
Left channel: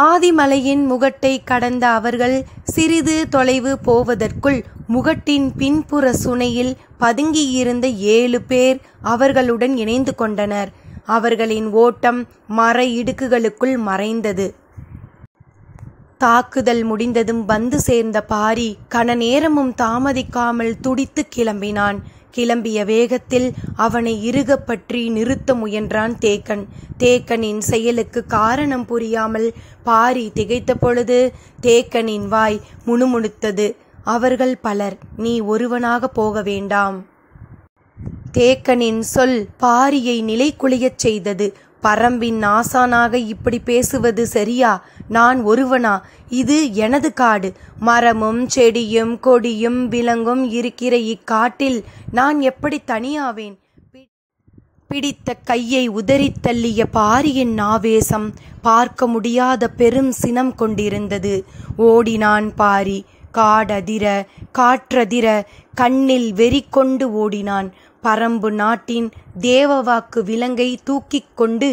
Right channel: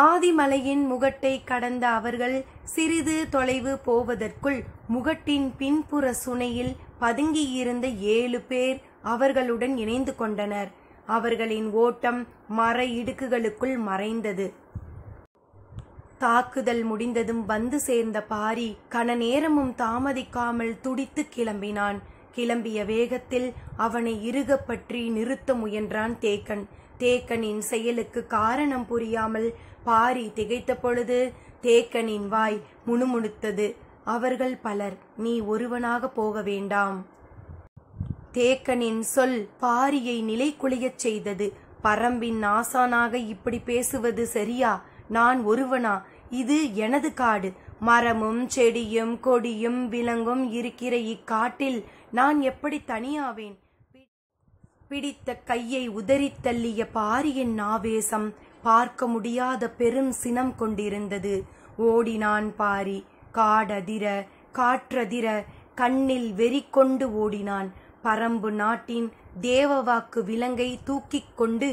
ஆதிமலையின் முகட்டை கடந்த அவர்கள் சிறிது தொலைவு போவதற்குள் முகட்டின் பின்புற சுனையில் பதுங்கியிருந்த 7 பேர் அவர்களுடன் இணைந்து கொண்டனர். அவர்களின் ஓட்டம் மர இடுக்குகளுக்குள் மறைந்தது. தாக்குதல் முடிந்ததும் வந்து சேர்ந்த பாரி கன நேரமும் தாமதிக்காமல் துடித்து கிளம்பினான். கிளம்பிய வேகத்தில் அவனை இறுக பற்றி நிறுத்த முயன்றான் தேக்கன். தேக்கனின் செயலுக்கு காரணம் புரியாமல் பாரி திகைத்த பொழுது தேக்கனின் வாய் முணுமுணுத்தது. அவர்கள் பலர், நீ ஒருவனாக போக வேண்டாம். தேக்கனின் சொல் பாரியை நிலைகுலையச் செய்தது. பரம்பின் ஆசானாக இப்படி பேசுவது சரியா? நான் ஒருவனா? இது எனது காடு. மரமும் செடியும் கொடியும் விலங்கும் இருக்கிற இக்காட்டில் நான் எப்படி தனியாவேன்? பிடித்த கையை உதறித் தள்ளிய பாரியின் ஆவேசம் பார்க்க முடியாத பெரும் சினம் கொண்டிருந்தது. ஓடினான் பாரி. காடதிர காற்றதிர கண்ணில் வெறி கொண்டு ஓடினான். பரம்பு நாட்டின் தேவவாக்கு விலங்கை தூக்கிக் கொண்டு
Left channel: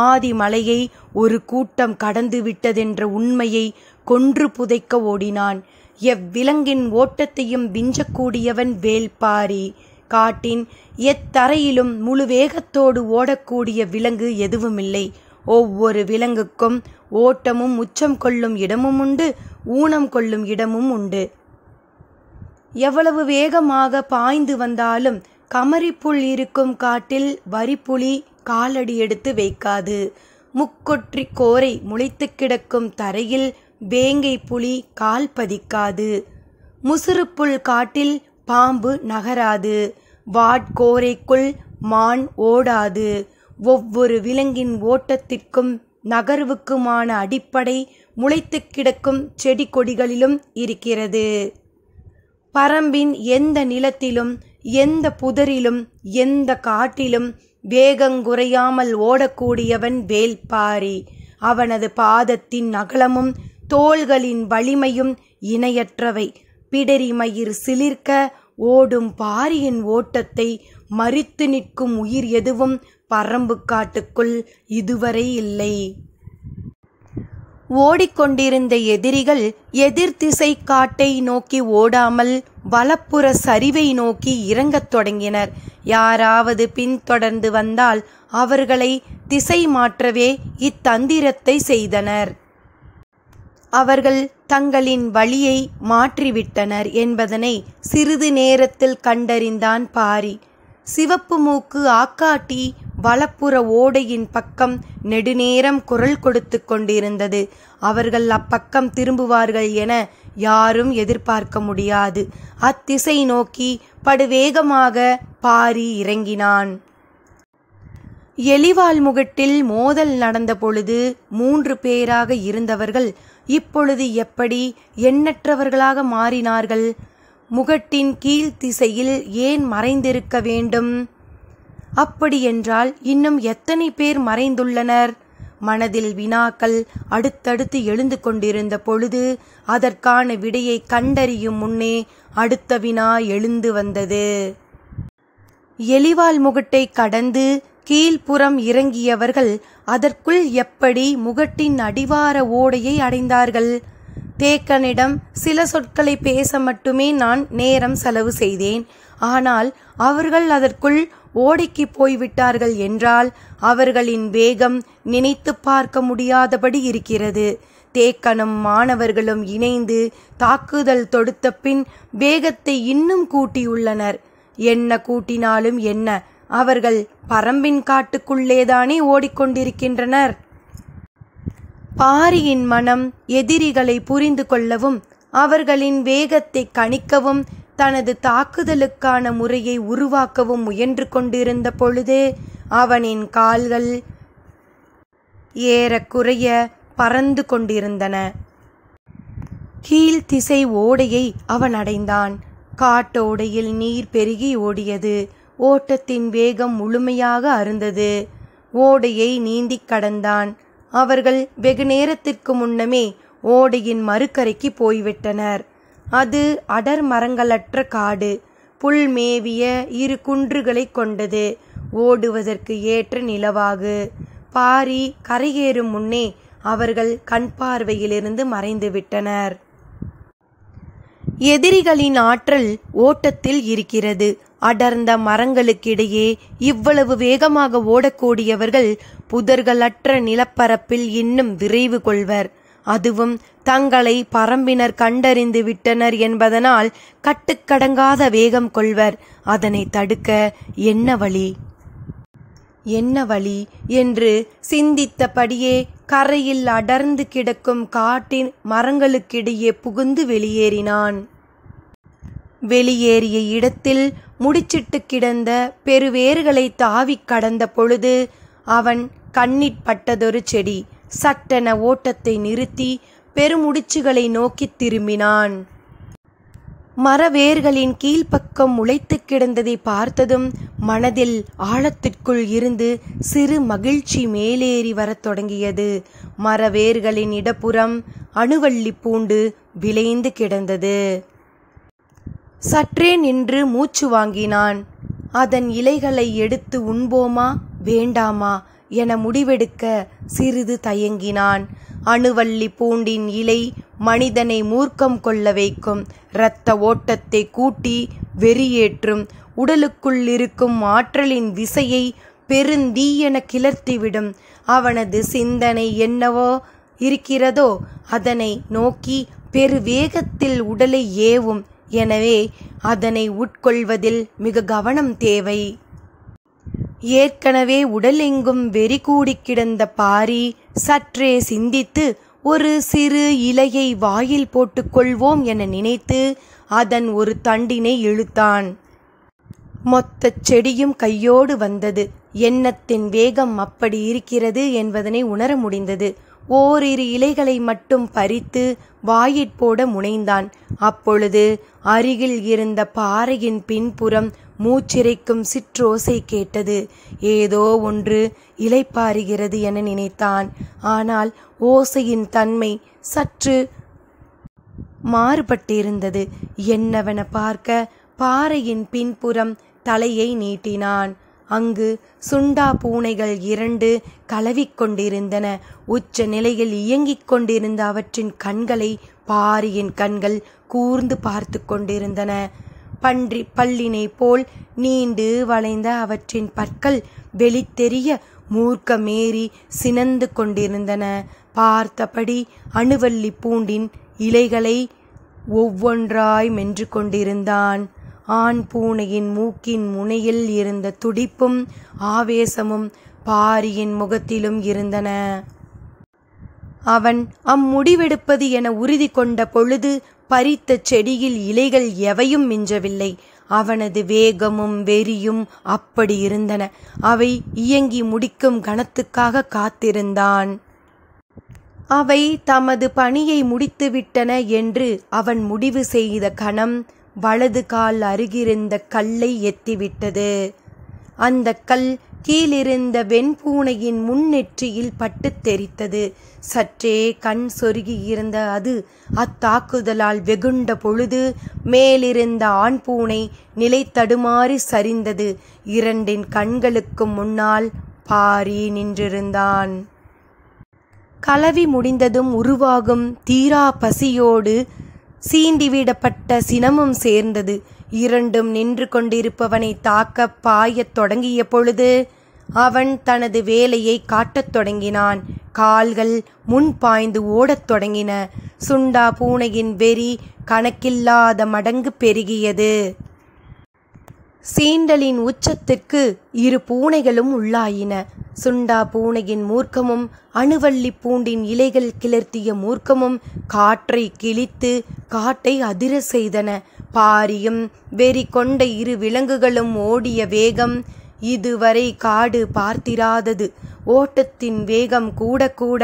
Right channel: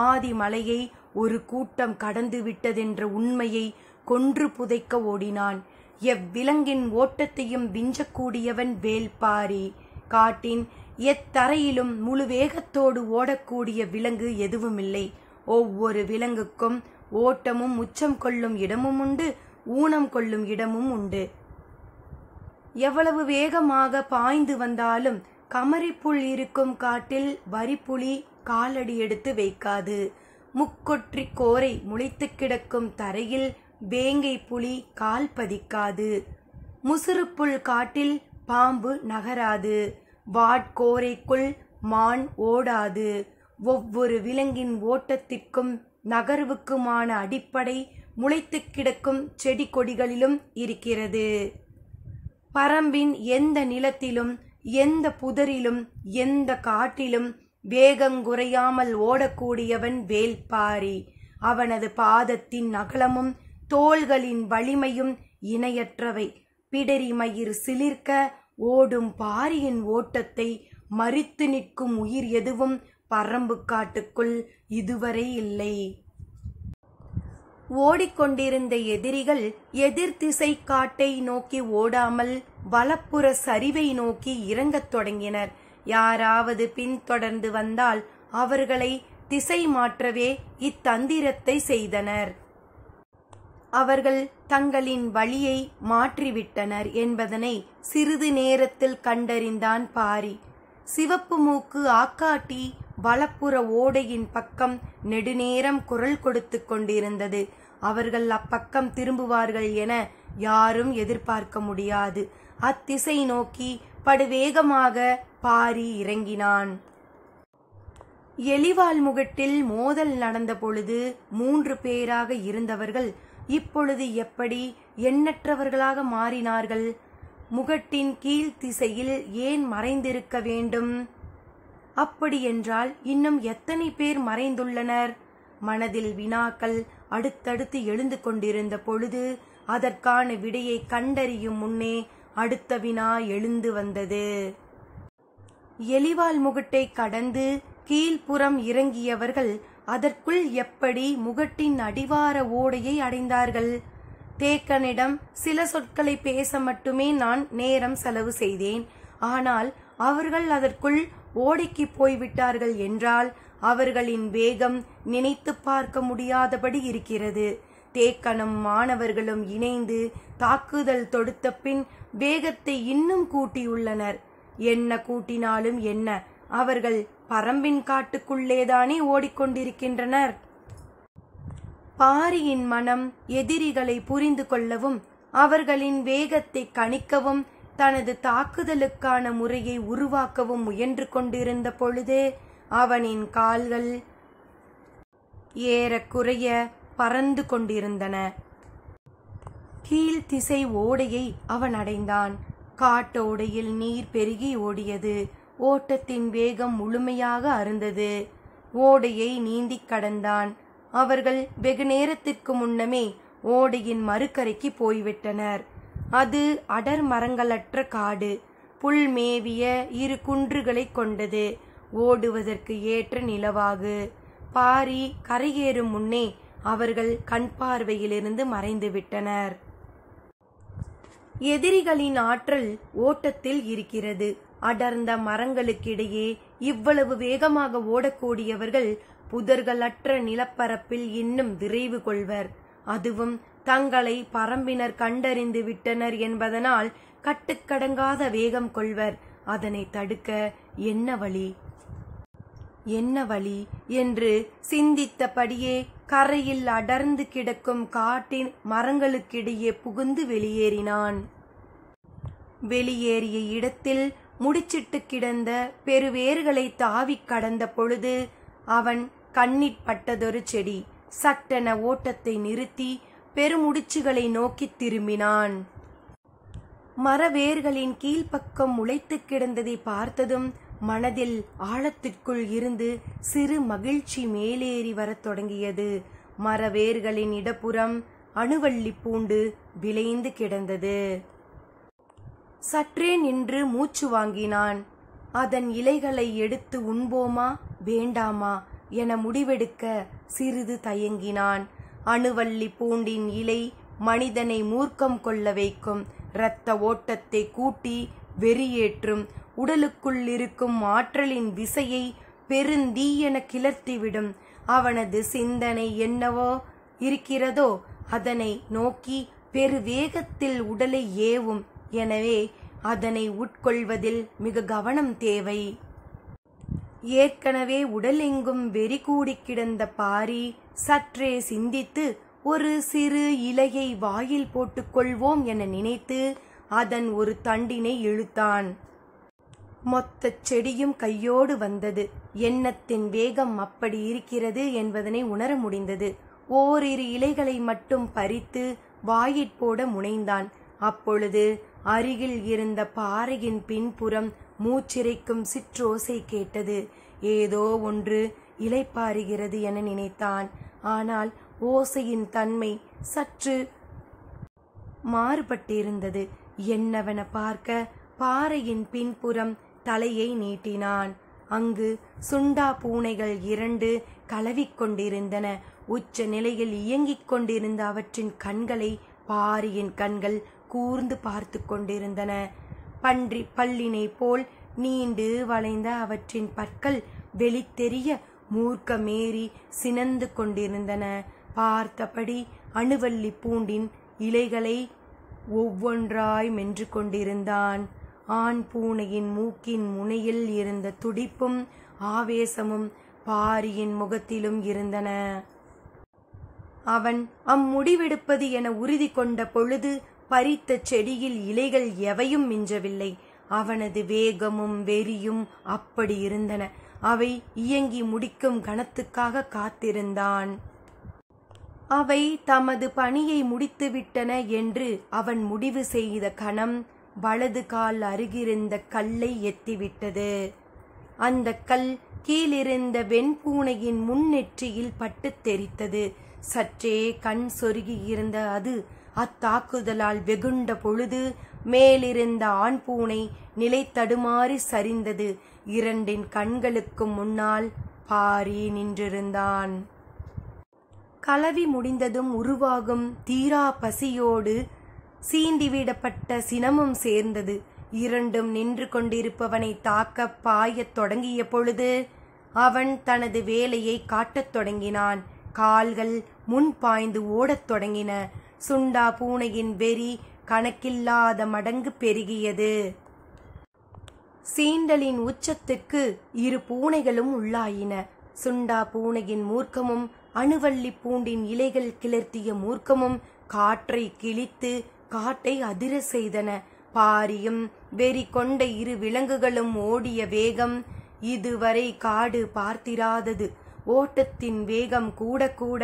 ஆதிமலையை ஒரு கூட்டம் கடந்து விட்டதென்ற உண்மையை கொன்று புதைக்க ஓடினான். எவ்விலங்கின் ஓட்டத்தையும் விஞ்சக்கூடியவன் வேல்பாரி. காட்டின் எத்தரையிலும் முழு வேகத்தோடு ஓடக்கூடிய விலங்கு எதுவுமில்லை. ஒவ்வொரு விலங்குக்கும் ஓட்டமும் உச்சம் கொள்ளும் இடமும் உண்டு, ஊனம் கொள்ளும் இடமும் உண்டு. எவ்வளவு வேகமாக பாய்ந்து வந்தாலும் கமரிப்புல் இருக்கும் காட்டில் வரிப்புலி காலடி எடுத்து வைக்காது. முக்கொற்றி கோரை முளைத்து கிடக்கும் தரையில் வேங்கை புலி கால் பதிக்காது. முசுறுப்புல் காட்டில் பாம்பு நகராது. வாட்கோரைக்குள் மான் ஓடாது. ஒவ்வொரு விலங்கின் ஓட்டத்திற்கும் நகர்வுக்குமான அடிப்படை முளைத்து கிடக்கும் செடி கொடிகளிலும் இருக்கிறது. பரம்பின் எந்த நிலத்திலும் எந்த புதரிலும் எந்த காட்டிலும் வேகங்குறையாமல் ஓடக்கூடியவன் வேல்பாரி. அவனது பாதத்தின் அகலமும் தோள்களின் வலிமையும் இணையற்றவை. பிடரி மயிர் சிலிர்க்க ஓடும் பாரியின் ஓட்டத்தை மரித்து நிற்கும் உயிர் எதுவும் பரம்பு காட்டுக்குள் இதுவரை இல்லை. ஓடிக்கொண்டிருந்த எதிரிகள் எதிர் திசை காட்டை நோக்கி ஓடாமல் வலப்புற சரிவை நோக்கி இறங்கத் தொடங்கினர். யாராவது பின்தொடர்ந்து வந்தால் அவர்களை திசை மாற்றவே இத்தந்திரத்தை செய்தனர். அவர்கள் தங்களின் வழியை மாற்றிவிட்டனர் என்பதனை சிறிது நேரத்தில் கண்டறிந்தான் பாரி. சிவப்பு மூக்கு ஆக்காட்டி வலப்புற ஓடையின் பக்கம் நெடுநேரம் குரல் கொடுத்து கொண்டிருந்தது. அவர்கள் அப்பக்கம் திரும்புவார்கள் என யாரும் எதிர்பார்க்க முடியாது. அத்திசை நோக்கி படுவேகமாக பாரி இறங்கினான். எலிவால் முகட்டில் மோதல் நடந்த பொழுது 3 பேராக இருந்தவர்கள் இப்பொழுது எப்படி எண்ணற்றவர்களாக மாறினார்கள்? முகட்டின் கீழ் திசையில் ஏன் மறைந்திருக்க வேண்டும்? அப்படியென்றால் இன்னும் எத்தனை பேர் மறைந்துள்ளனர்? மனதில் வினாக்கள் அடுத்தடுத்து எழுந்து கொண்டிருந்த பொழுது அதற்கான விடையை கண்டறியும் முன்னே அடுத்த வினா எழுந்து வந்தது. எலிவால் முகட்டை கடந்து கீழ்ப்புறம் இறங்கியவர்கள் அதற்குள் எப்படி முகட்டின் அடிவார ஓடையை அடைந்தார்கள்? தேக்கனிடம் சில சொற்களை பேச மட்டுமே நான் நேரம் செலவு செய்தேன். ஆனால் அவர்கள் அதற்குள் ஓடைக்கு போய்விட்டார்கள் என்றால் அவர்களின் வேகம் நினைத்து பார்க்க முடியாதபடி இருக்கிறது. தேக்கனும் மாணவர்களும் இணைந்து தாக்குதல் தொடுத்த பின் வேகத்தை இன்னும் கூட்டியுள்ளனர். என்ன கூட்டினாலும் என்ன, அவர்கள் பரம்பின் காட்டுக்குள்ளேதானே ஓடிக்கொண்டிருக்கின்றனர். பாரியின் மனம் எதிரிகளை புரிந்து கொள்ளவும் அவர்களின் வேகத்தை கணிக்கவும் தனது தாக்குதலுக்கான முறையை உருவாக்கவும் முயன்று கொண்டிருந்த பொழுதே அவனின் கால்கள் ஏறக்குறைய பறந்து கொண்டிருந்தன. கீழ்த்திசை ஓடையை அவன் அடைந்தான். காட்டோடையில் நீர் பெருகி ஓடியது. ஓட்டத்தின் வேகம் முழுமையாக அருந்தது. ஓடையை நீந்தி கடந்தான். அவர்கள் வெகு நேரத்திற்கு முன்னமே ஓடையின் மறுக்கரைக்கு போய்விட்டனர். அது அடர் மரங்களற்ற காடு, புல் மேவிய 2 குன்றுகளை கொண்டது. ஓடுவதற்கு ஏற்ற நிலவாகு. பாரி கரையேறும் முன்னே அவர்கள் கண் பார்வையிலிருந்து மறைந்து விட்டனர். எதிரிகளின் ஆற்றல் ஓட்டத்தில் இருக்கிறது. அடர்ந்த மரங்களுக்கிடையே இவ்வளவு வேகமாக ஓடக்கூடியவர்கள் புதர்களற்ற நிலப்பரப்பில் இன்னும் விரைவு கொள்வர். அதுவும் தங்களை பரம்பினர் கண்டறிந்து விட்டனர் என்பதனால் கட்டுக்கடங்காத வேகம் கொள்வர். அதனை தடுக்க என்ன வழி என்ன வழி என்று சிந்தித்தபடியே கரையில் அடர்ந்து கிடக்கும் காட்டின் மரங்களுக்கிடையே புகுந்து வெளியேறினான். வெளியேறிய இடத்தில் முடிச்சிட்டு கிடந்த பெருவேர்களை தாவி கடந்த பொழுது அவன் கண்ணிற்பட்டதொரு செடி. சட்டென ஓட்டத்தை நிறுத்தி பெருமுடிச்சுகளை நோக்கி திரும்பினான். மரவேர்களின் கீழ்ப்பக்கம் முளைத்து கிடந்ததை பார்த்ததும் மனதில் ஆழத்திற்குள் இருந்து சிறு மகிழ்ச்சி மேலேறி வரத் தொடங்கியது. மரவேர்களின் இடப்புறம் அணுவள்ளி பூண்டு விளைந்து கிடந்தது. சற்றே நின்று மூச்சு வாங்கினான். அதன் இலைகளை எடுத்து உண்போமா வேண்டாமா என முடிவெடுக்க சிறிது தயங்கினான். அணுவள்ளி பூண்டின் இலை மனிதனை மூர்க்கம் கொள்ள வைக்கும். இரத்த ஓட்டத்தை கூட்டி வெறியேற்றும். உடலுக்குள் இருக்கும் ஆற்றலின் விசையை பெருந்தீயென கிளர்த்திவிடும். அவனது சிந்தனை என்னவோ இருக்கிறதோ அதனை நோக்கி பெருவேகத்தில் உடலை ஏவும். எனவே அதனை உட்கொள்வதில் மிக கவனம் தேவை. ஏற்கனவே உடலெங்கும் வெறி கூடி கிடந்த பாரி சற்றே சிந்தித்து ஒரு சிறு இலையை வாயில் போட்டுக்கொள்வோம் என நினைத்து அதன் ஒரு தண்டினை இழுத்தான். மொத்த செடியும் கையோடு வந்தது. எண்ணத்தின் வேகம் அப்படி இருக்கிறது என்பதனை உணர முடிந்தது. ஓரிரு இலைகளை மட்டும் பறித்து வாயிற்போட முனைந்தான். அப்பொழுது அருகில் இருந்த பாறையின் பின்புறம் மூச்சிறைக்கும் சிற்றோசை கேட்டது. ஏதோ ஒன்று இலைப்பாறுகிறது என நினைத்தான். ஆனால் ஓசையின் தன்மை சற்று மாறுபட்டிருந்தது. என்னவென பார்க்க பாறையின் பின்புறம் தலையை நீட்டினான். அங்கு சுண்டா பூனைகள் 2 கலவிக்கொண்டிருந்தன. உச்ச நிலையில் இயங்கிக் கொண்டிருந்த அவற்றின் கண்களை பாரியின் கண்கள் கூர்ந்து பார்த்து கொண்டிருந்தன. பல்லினை போல் நீண்டு வளைந்த அவற்றின் பற்கள் வெளித்தெரிய மூர்க்கமேறி சினந்து கொண்டிருந்தன. பார்த்தபடி அணுவள்ளி பூண்டின் இலைகளை ஒவ்வொன்றாய் மென்று கொண்டிருந்தான். ஆண் பூனையின் மூக்கின் முனையில் இருந்த துடிப்பும் ஆவேசமும் பாரியின் முகத்திலும் இருந்தன. அவன் அம்முடிவெடுப்பது என உறுதி கொண்ட பொழுது பறித்த செடியில் இலைகள் எவையும் மிஞ்சவில்லை. அவனது வேகமும் வெறியும் அப்படி இருந்தன. அவை இயங்கி முடிக்கும் கணத்துக்காக காத்திருந்தான். அவை தமது பணியை முடித்துவிட்டன என்று அவன் முடிவு செய்த கணம் வலது கால் அருகிருந்த கல்லை எத்திவிட்டது. அந்த கல் கீழிருந்த வெண்பூனையின் முன்னெற்றியில் பட்டு தெரித்தது. சற்றே கண் சொருகியிருந்த அது அத்தாக்குதலால் வெகுண்ட பொழுது மேலிருந்த ஆண் பூனை நிலை தடுமாறி சரிந்தது. 2 கண்களுக்கு முன்னால் பாரி நின்றிருந்தான். கலவி முடிந்ததும் உருவாகும் தீரா பசியோடு சீண்டிவிடப்பட்ட சினமும் சேர்ந்தது. 2 நின்று கொண்டிருப்பவனை தாக்க பாயத் தொடங்கிய பொழுது அவன் தனது வேலையை காட்டத் தொடங்கினான். கால்கள் முன் பாய்ந்து ஓடத் தொடங்கின. சுண்டா பூனையின் வெறி கணக்கில்லாத மடங்கு பெருகியது. சீண்டலின் உச்சத்துக்கு இரு பூனைகளும் உள்ளாயின. சுண்டா பூனையின் மூர்க்கமும் அணுவள்ளி பூண்டின் இலைகள் கிளர்த்திய மூர்க்கமும் காற்றை கிழித்து காட்டை அதிர செய்தன. பாரியும் வெறி கொண்ட இரு விலங்குகளும் ஓடிய வேகம் இதுவரை காடு பார்த்திராதது. ஓட்டத்தின் வேகம் கூட கூட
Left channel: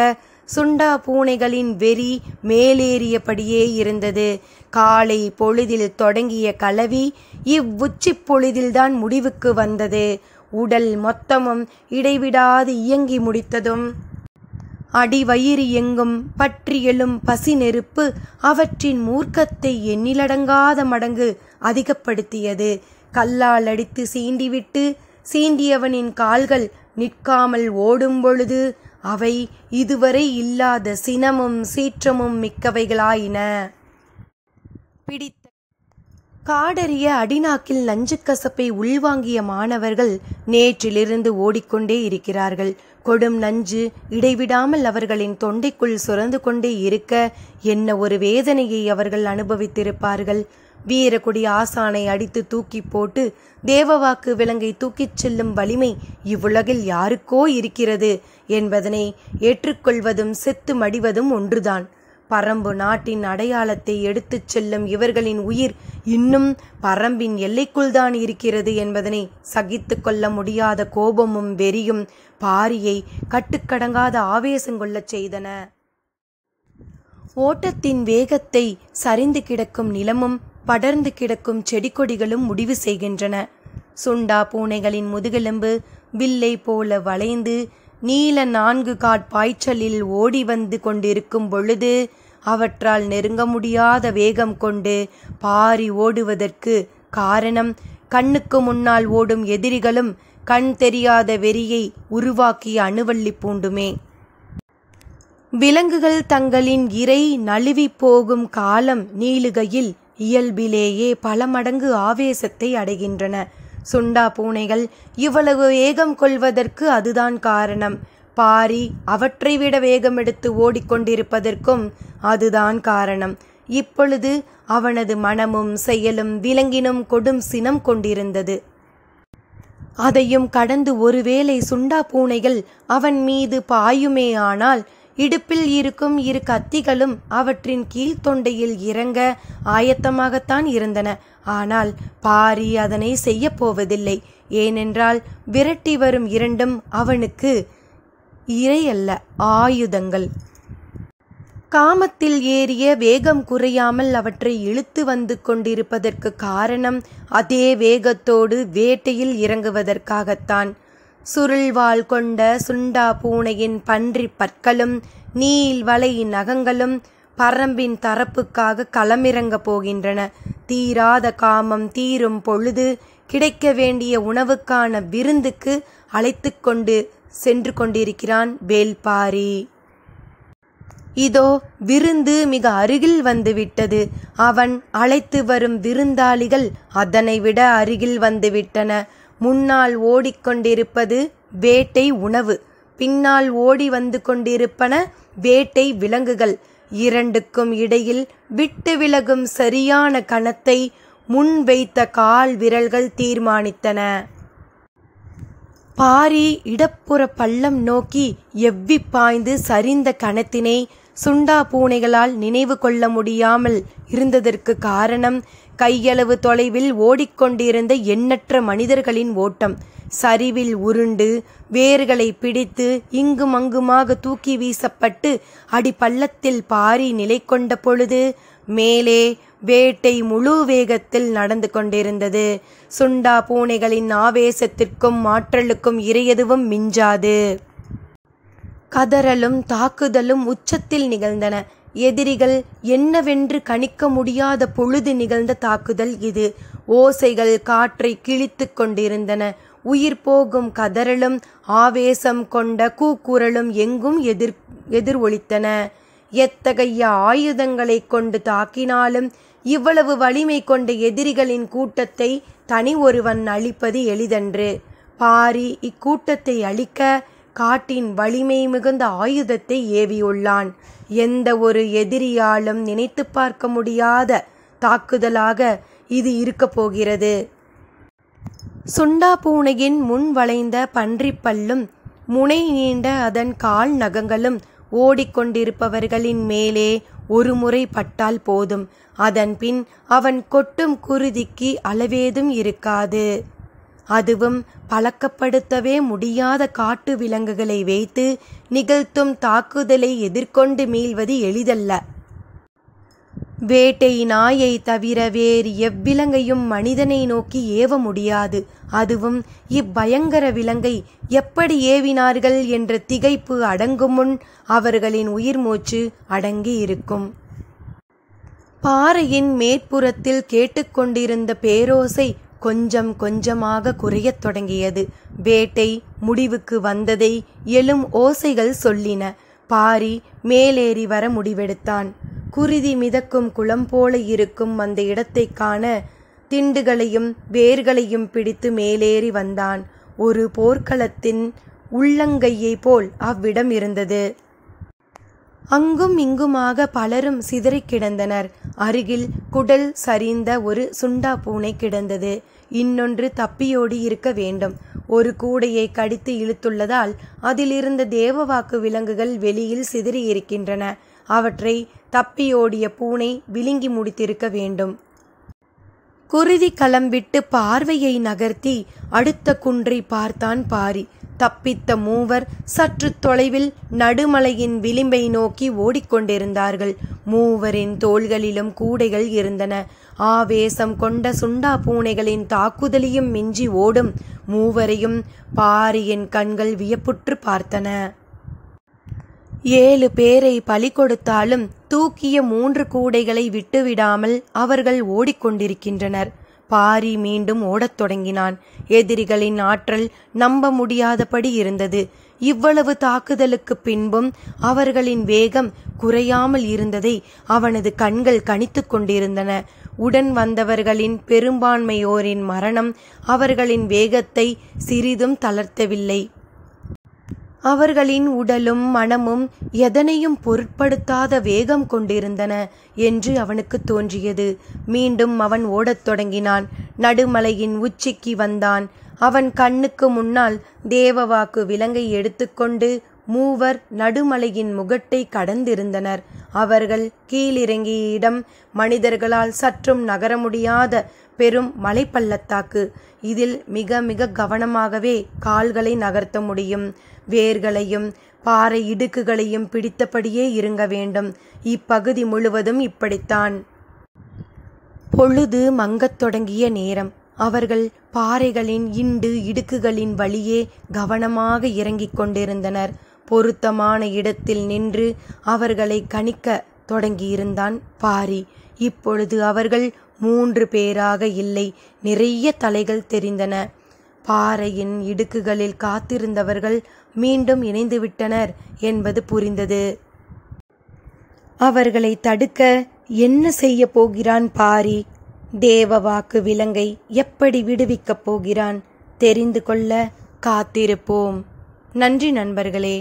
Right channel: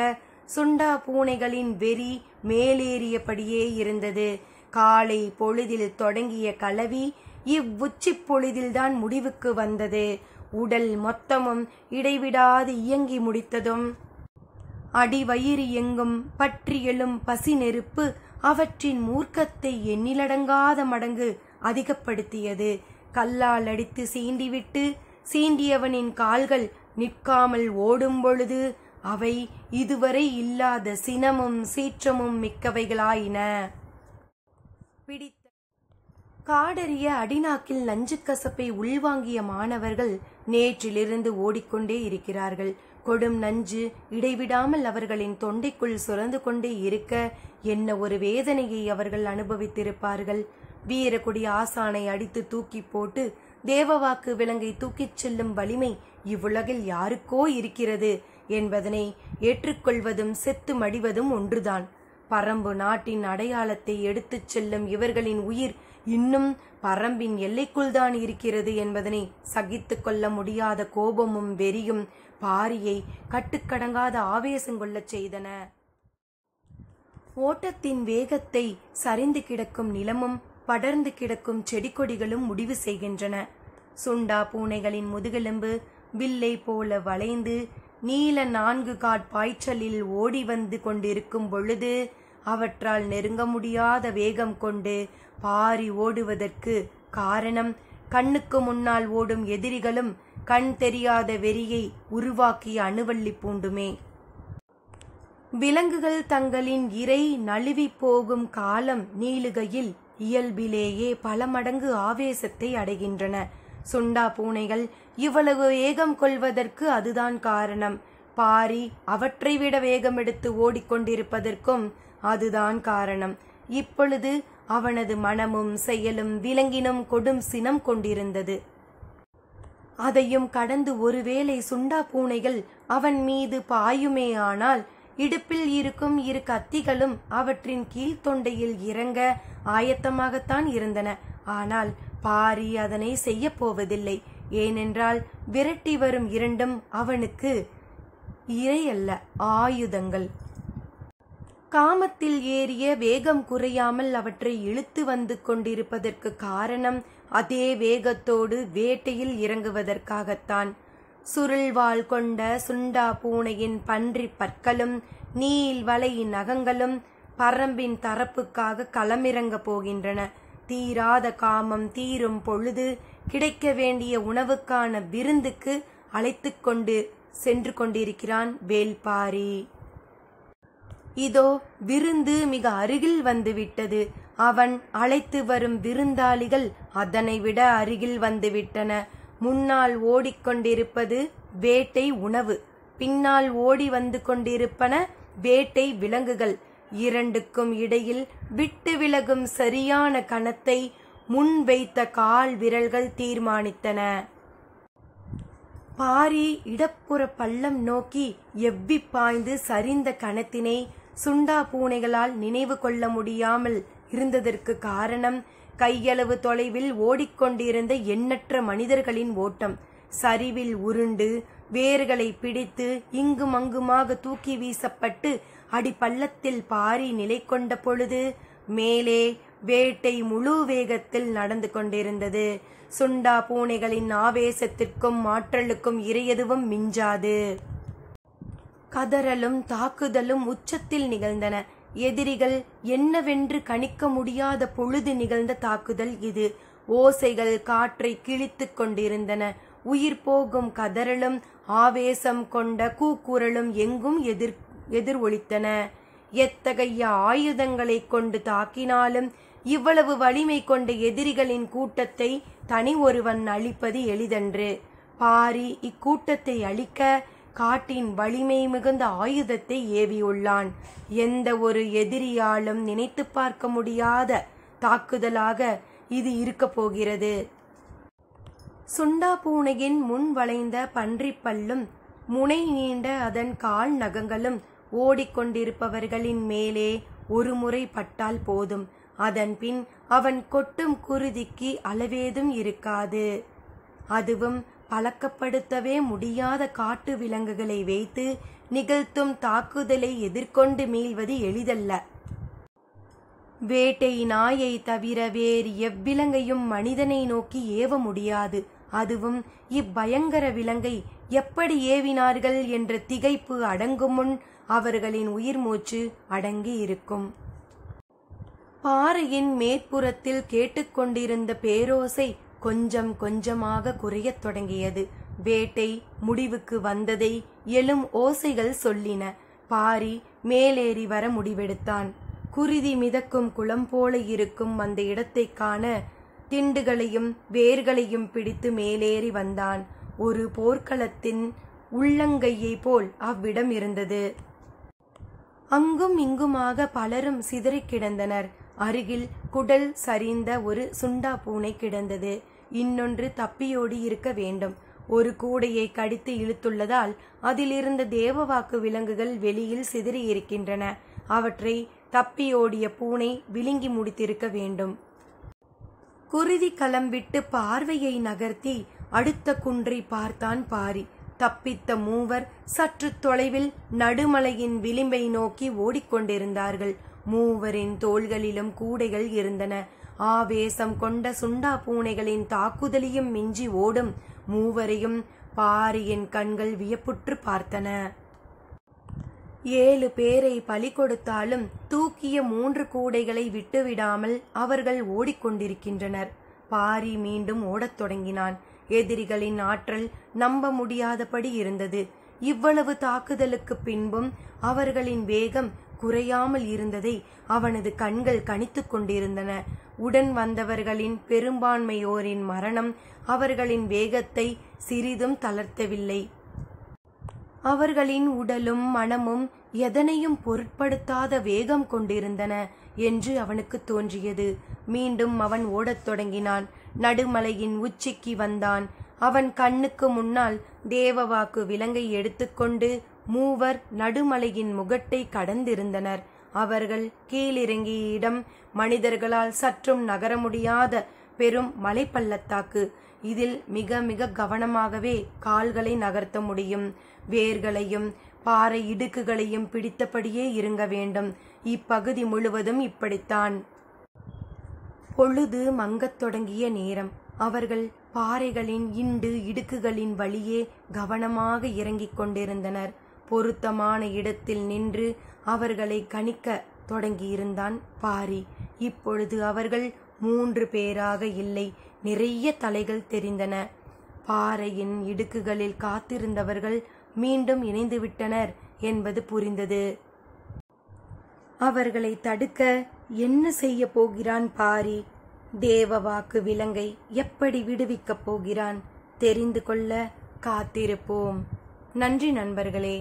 சுண்டா பூனைகளின் வெறி மேலேறியபடியே இருந்தது. காலை பொழுதில் தொடங்கிய கலவி இவ்வுச்சி பொழுதில்தான் முடிவுக்கு வந்தது. உடல் மொத்தமும் இடைவிடாது இயங்கி முடித்ததும் அடிவயிறு எங்கும் பற்றியெழும் பசி நெருப்பு அவற்றின் மூர்க்கத்தை எண்ணிலடங்காத மடங்கு அதிகப்படுத்தியது. கல்லால் அடித்து சீண்டிவிட்டு சீண்டியவனின் கால்கள் நிற்காமல் ஓடும் பொழுது அவை இதுவரை இல்லாத சினமும் சீற்றமும் மிக்கவைகளாயின. பிடித்த காடறிய அடிநாக்கில் நஞ்சு கசப்பை உள்வாங்கிய மாணவர்கள் நேற்றிலிருந்து ஓடிக்கொண்டே இருக்கிறார்கள். கொடும் நஞ்சு இடைவிடாமல் அவர்களின் தொண்டைக்குள் சுரந்து கொண்டே இருக்க என்ன ஒரு வேதனையை அவர்கள் அனுபவித்திருப்பார்கள். வீரக்குடி ஆசானை அடித்து தூக்கி போட்டு தேவவாக்கு விலங்கை தூக்கிச் செல்லும் வலிமை இவ்வுலகில் யாருக்கோ இருக்கிறது என்பதனை ஏற்றுக்கொள்வதும் செத்து மடிவதும் ஒன்றுதான். பரம்பு நாட்டின் அடையாளத்தை எடுத்துச் செல்லும் இவர்களின் உயிர் இன்னும் பரம்பின் எல்லைக்குள்தான் இருக்கிறது என்பதனை சகித்து கொள்ள முடியாத கோபமும் வெறியும் பாரியை கட்டுக்கடங்காத ஆவேசங்கொள்ளச் செய்தன. ஓட்டத்தின் வேகத்தை சரிந்து கிடக்கும் நிலமும் படர்ந்து கிடக்கும் செடி கொடிகளும் முடிவு செய்கின்றன. சுண்டா பூனைகளின் முதுகெலும்பு வில்லை போல வளைந்து நீல 4 காட்பாய்ச்சலில் ஓடி வந்து கொண்டிருக்கும் பொழுது அவற்றால் நெருங்க முடியாத வேகம் கொண்டு பாரி ஓடுவதற்கு காரணம் கண்ணுக்கு முன்னால் ஓடும் எதிரிகளும் கண் தெரியாத வெறியை உருவாக்கிய அணுவள்ளி பூண்டுமே. விலங்குகள் தங்களின் இரை நழுவி போகும் காலம் நீளுகையில் இயல்பிலேயே பல மடங்கு ஆவேசத்தை அடைகின்றன. சுண்டா பூனைகள் இவ்வளவு வேகம் கொள்வதற்கு அதுதான் காரணம். பாரி அவற்றை விட வேகம் எடுத்து ஓடிக்கொண்டிருப்பதற்கும் அதுதான் காரணம். இப்பொழுது அவனது மனமும் செயலும் விலங்கினும் கொடும் சினம் கொண்டிருந்தது. அதையும் கடந்து ஒருவேளை சுண்டா பூனைகள் அவன் மீது பாயுமே ஆனால் இடுப்பில் இருக்கும் 2 கத்திகளும் அவற்றின் கீழ்த்தொண்டையில் இறங்க ஆயத்தமாகத்தான் இருந்தன. ஆனால் பாரி அதனை செய்ய போவதில்லை. ஏனென்றால் விரட்டி வரும் 2ம் அவனுக்கு இரை அல்ல, ஆயுதங்கள். காமத்தில் ஏறிய வேகம் குறையாமல் அவற்றை இழுத்து வந்து கொண்டிருப்பதற்கு காரணம் அதே வேகத்தோடு வேட்டையில் இறங்குவதற்காகத்தான். சுருள்வாள் கொண்ட சுண்டா பூனையின் பன்றி பற்களும் நீல் வலை நகங்களும் பரம்பின் தரப்புக்காக களமிறங்க போகின்றன. தீராத காமம் தீரும் பொழுது கிடைக்க வேண்டிய உணவுக்கான விருந்துக்கு அழைத்து கொண்டு சென்று கொண்டிருக்கிறான் வேல்பாரி. இதோ விருந்து மிக அருகில் வந்துவிட்டது. அவன் அழைத்து வரும் விருந்தாளிகள் அதனை விட அருகில் வந்துவிட்டன. முன்னால் ஓடிக்கொண்டிருப்பது வேட்டை உணவு, பின்னால் ஓடி வந்து கொண்டிருப்பன வேட்டை விலங்குகள். 2க்கும் இடையில் விட்டு விலகும் சரியான கணத்தை முன் வைத்த கால் விரல்கள் தீர்மானித்தன. பாரி இடப்புற பள்ளம் நோக்கி எவ்வி பாய்ந்து சரிந்த கணத்தினை சுண்டா பூனைகளால் நினைவு கொள்ள முடியாமல் இருந்ததற்கு காரணம் கையளவு தொலைவில் ஓடிக்கொண்டிருந்த எண்ணற்ற மனிதர்களின் ஓட்டம். சரிவில் உருண்டு வேர்களை பிடித்து இங்கும் அங்குமாக தூக்கி வீசப்பட்டு அடிப்பள்ளத்தில் பாரி நிலை கொண்ட பொழுது மேலே வேட்டை முழு வேகத்தில் நடந்து கொண்டிருந்தது. சுண்டா பூனைகளின் ஆவேசத்திற்கும் ஆற்றலுக்கும் இறையதுவும் மிஞ்சாது. கதறலும் தாக்குதலும் உச்சத்தில் நிகழ்ந்தன. எதிரிகள் என்னவென்று கணிக்க முடியாத பொழுது நிகழ்ந்த தாக்குதல் இது. ஓசைகள் காற்றை கிழித்து கொண்டிருந்தன. உயிர் போகும் கதறலும் ஆவேசம் கொண்ட கூக்குரலும் எங்கும் எதிர் ஒலித்தன. எத்தகைய ஆயுதங்களை கொண்டு தாக்கினாலும் இவ்வளவு வலிமை கொண்ட எதிரிகளின் கூட்டத்தை தனி ஒருவன் அழிப்பது எளிதன்று. பாரி இக்கூட்டத்தை அழிக்க காட்டின் வலிமை மிகுந்த ஆயுதத்தை ஏவியுள்ளான். எந்த ஒரு எதிரியாலும் நினைத்து பார்க்க முடியாத தாக்குதலாக இது இருக்க போகிறது. சுண்டா பூனையின் முன் வளைந்த பன்றிப்பல்லும் முனை நீண்ட அதன் கால் நகங்களும் ஓடிக்கொண்டிருப்பவர்களின் மேலே ஒரு முறை பட்டால் போதும். அதன் பின் அவன் கொட்டும் குருதிக்கு அளவேதும் இருக்காது. அதுவும் பழக்கப்படுத்தவே முடியாத காட்டு விலங்குகளை வைத்து நிகழ்த்தும் தாக்குதலை எதிர்கொண்டு மீள்வது எளிதல்ல. வேட்டை நாயை தவிர வேறு எவ்விலங்கையும் மனிதனை நோக்கி ஏவ முடியாது. அதுவும் இப்பயங்கர விலங்கை எப்படி ஏவினார்கள் என்ற திகைப்பு அடங்கும் முன் அவர்களின் உயிர் மூச்சு அடங்கி இருக்கும். பாறையின் மேற்புறத்தில் கேட்டுக்கொண்டிருந்த பேரோசை கொஞ்சம் கொஞ்சமாக குறையத் தொடங்கியது. வேட்டை முடிவுக்கு வந்ததை எழும் ஓசைகள் சொல்லின. பாரி மேலேறி வர முடிவெடுத்தான். குருதி மிதக்கும் குளம் போல இருக்கும் அந்த இடத்தை காண திண்டுகளையும் வேர்களையும் பிடித்து மேலேறி வந்தான். ஒரு போர்க்களத்தின் உள்ளங்கையை போல் அவ்விடம் இருந்தது. அங்கும் இங்குமாக பலரும் சிதறி கிடந்தனர். அருகில் குடல் சரிந்த ஒரு சுண்டா பூனை கிடந்தது. இன்னொன்று தப்பியோடி இருக்க வேண்டும். ஒரு கூடையை கடித்து இழுத்துள்ளதால் அதிலிருந்த தேவவாக்கு விலங்குகள் வெளியில் சிதறி இருக்கின்றன. அவற்றை தப்பியோடிய பூனை விழுங்கி முடித்திருக்க வேண்டும். குருதி களம் விட்டு பார்வையை நகர்த்தி அடுத்த குன்றை பார்த்தான் பாரி. தப்பித்த மூவர் சற்று தொலைவில் நடுமலையின் விளிம்பை நோக்கி ஓடிக்கொண்டிருந்தார்கள். மூவரின் தோள்களிலும் கூடைகள் இருந்தன. ஆவேசம் கொண்ட சுண்டா பூனைகளின் தாக்குதலையும் மிஞ்சி ஓடும் மூவரையும் பாரியின் கண்கள் வியப்புற்று பார்த்தன. 7 பேரை பலி கொடுத்தாலும் தூக்கிய 3 கூடைகளை விட்டுவிடாமல் அவர்கள் ஓடிக்கொண்டிருக்கின்றனர். பாரி மீண்டும் ஓடத் தொடங்கினான். எதிரிகளின் ஆற்றல் நம்ப முடியாதபடி இருந்தது. இவ்வளவு தாக்குதலுக்கு பின்பும் அவர்களின் வேகம் குறையாமல் இருந்ததை அவனது கண்கள் கணித்து கொண்டிருந்தன. உடன் வந்தவர்களின் பெரும்பான்மையோரின் மரணம் அவர்களின் வேகத்தை சிறிதும் தளர்த்தவில்லை. அவர்களின் உடலும் மனமும் எதனையும் பொருட்படுத்தாத வேகம் கொண்டிருந்தன என்று அவனுக்கு தோன்றியது. மீண்டும் அவன் ஓடத் தொடங்கினான். நடுமலையின் உச்சிக்கு வந்தான். அவன் கண்ணுக்கு முன்னால் தேவவாக்கு விலங்கை எடுத்துக்கொண்டு மூவர் நடுமலையின் முகட்டை கடந்திருந்தனர். அவர்கள் கீழிறங்கிய இடம் மனிதர்களால் சற்றும் நகர முடியாத பெரும் மலைப்பள்ளத்தாக்கு. இதில் மிக மிக கவனமாகவே கால்களை நகர்த்த முடியும். வேர்களையும் பாறை இடுக்குகளையும் பிடித்தபடியே இருங்க வேண்டும். இப்பகுதி முழுவதும் இப்படித்தான். பொழுது மங்கத் தொடங்கிய நேரம். அவர்கள் பாறைகளின் இடுக்குகளின் வழியே கவனமாக இறங்கிக் கொண்டிருந்தனர். பொருத்தமான இடத்தில் நின்று அவர்களை கணிக்க தொடங்கியிருந்தான் பாரி. இப்பொழுது அவர்கள் 3 பேராக இல்லை, நிறைய தலைகள் தெரிந்தன. பாறையின் இடுக்குகளில் காத்திருந்தவர்கள் மீண்டும் இணைந்துவிட்டனர் என்பது புரிந்தது. அவர்களை தடுக்க என்ன செய்ய போகிறான் பாரி? தேவவாக்கு விலங்கை எப்படி விடுவிக்கப் போகிறான்? தெரிந்து கொள்ள காத்திருப்போம். நன்றி நண்பர்களே.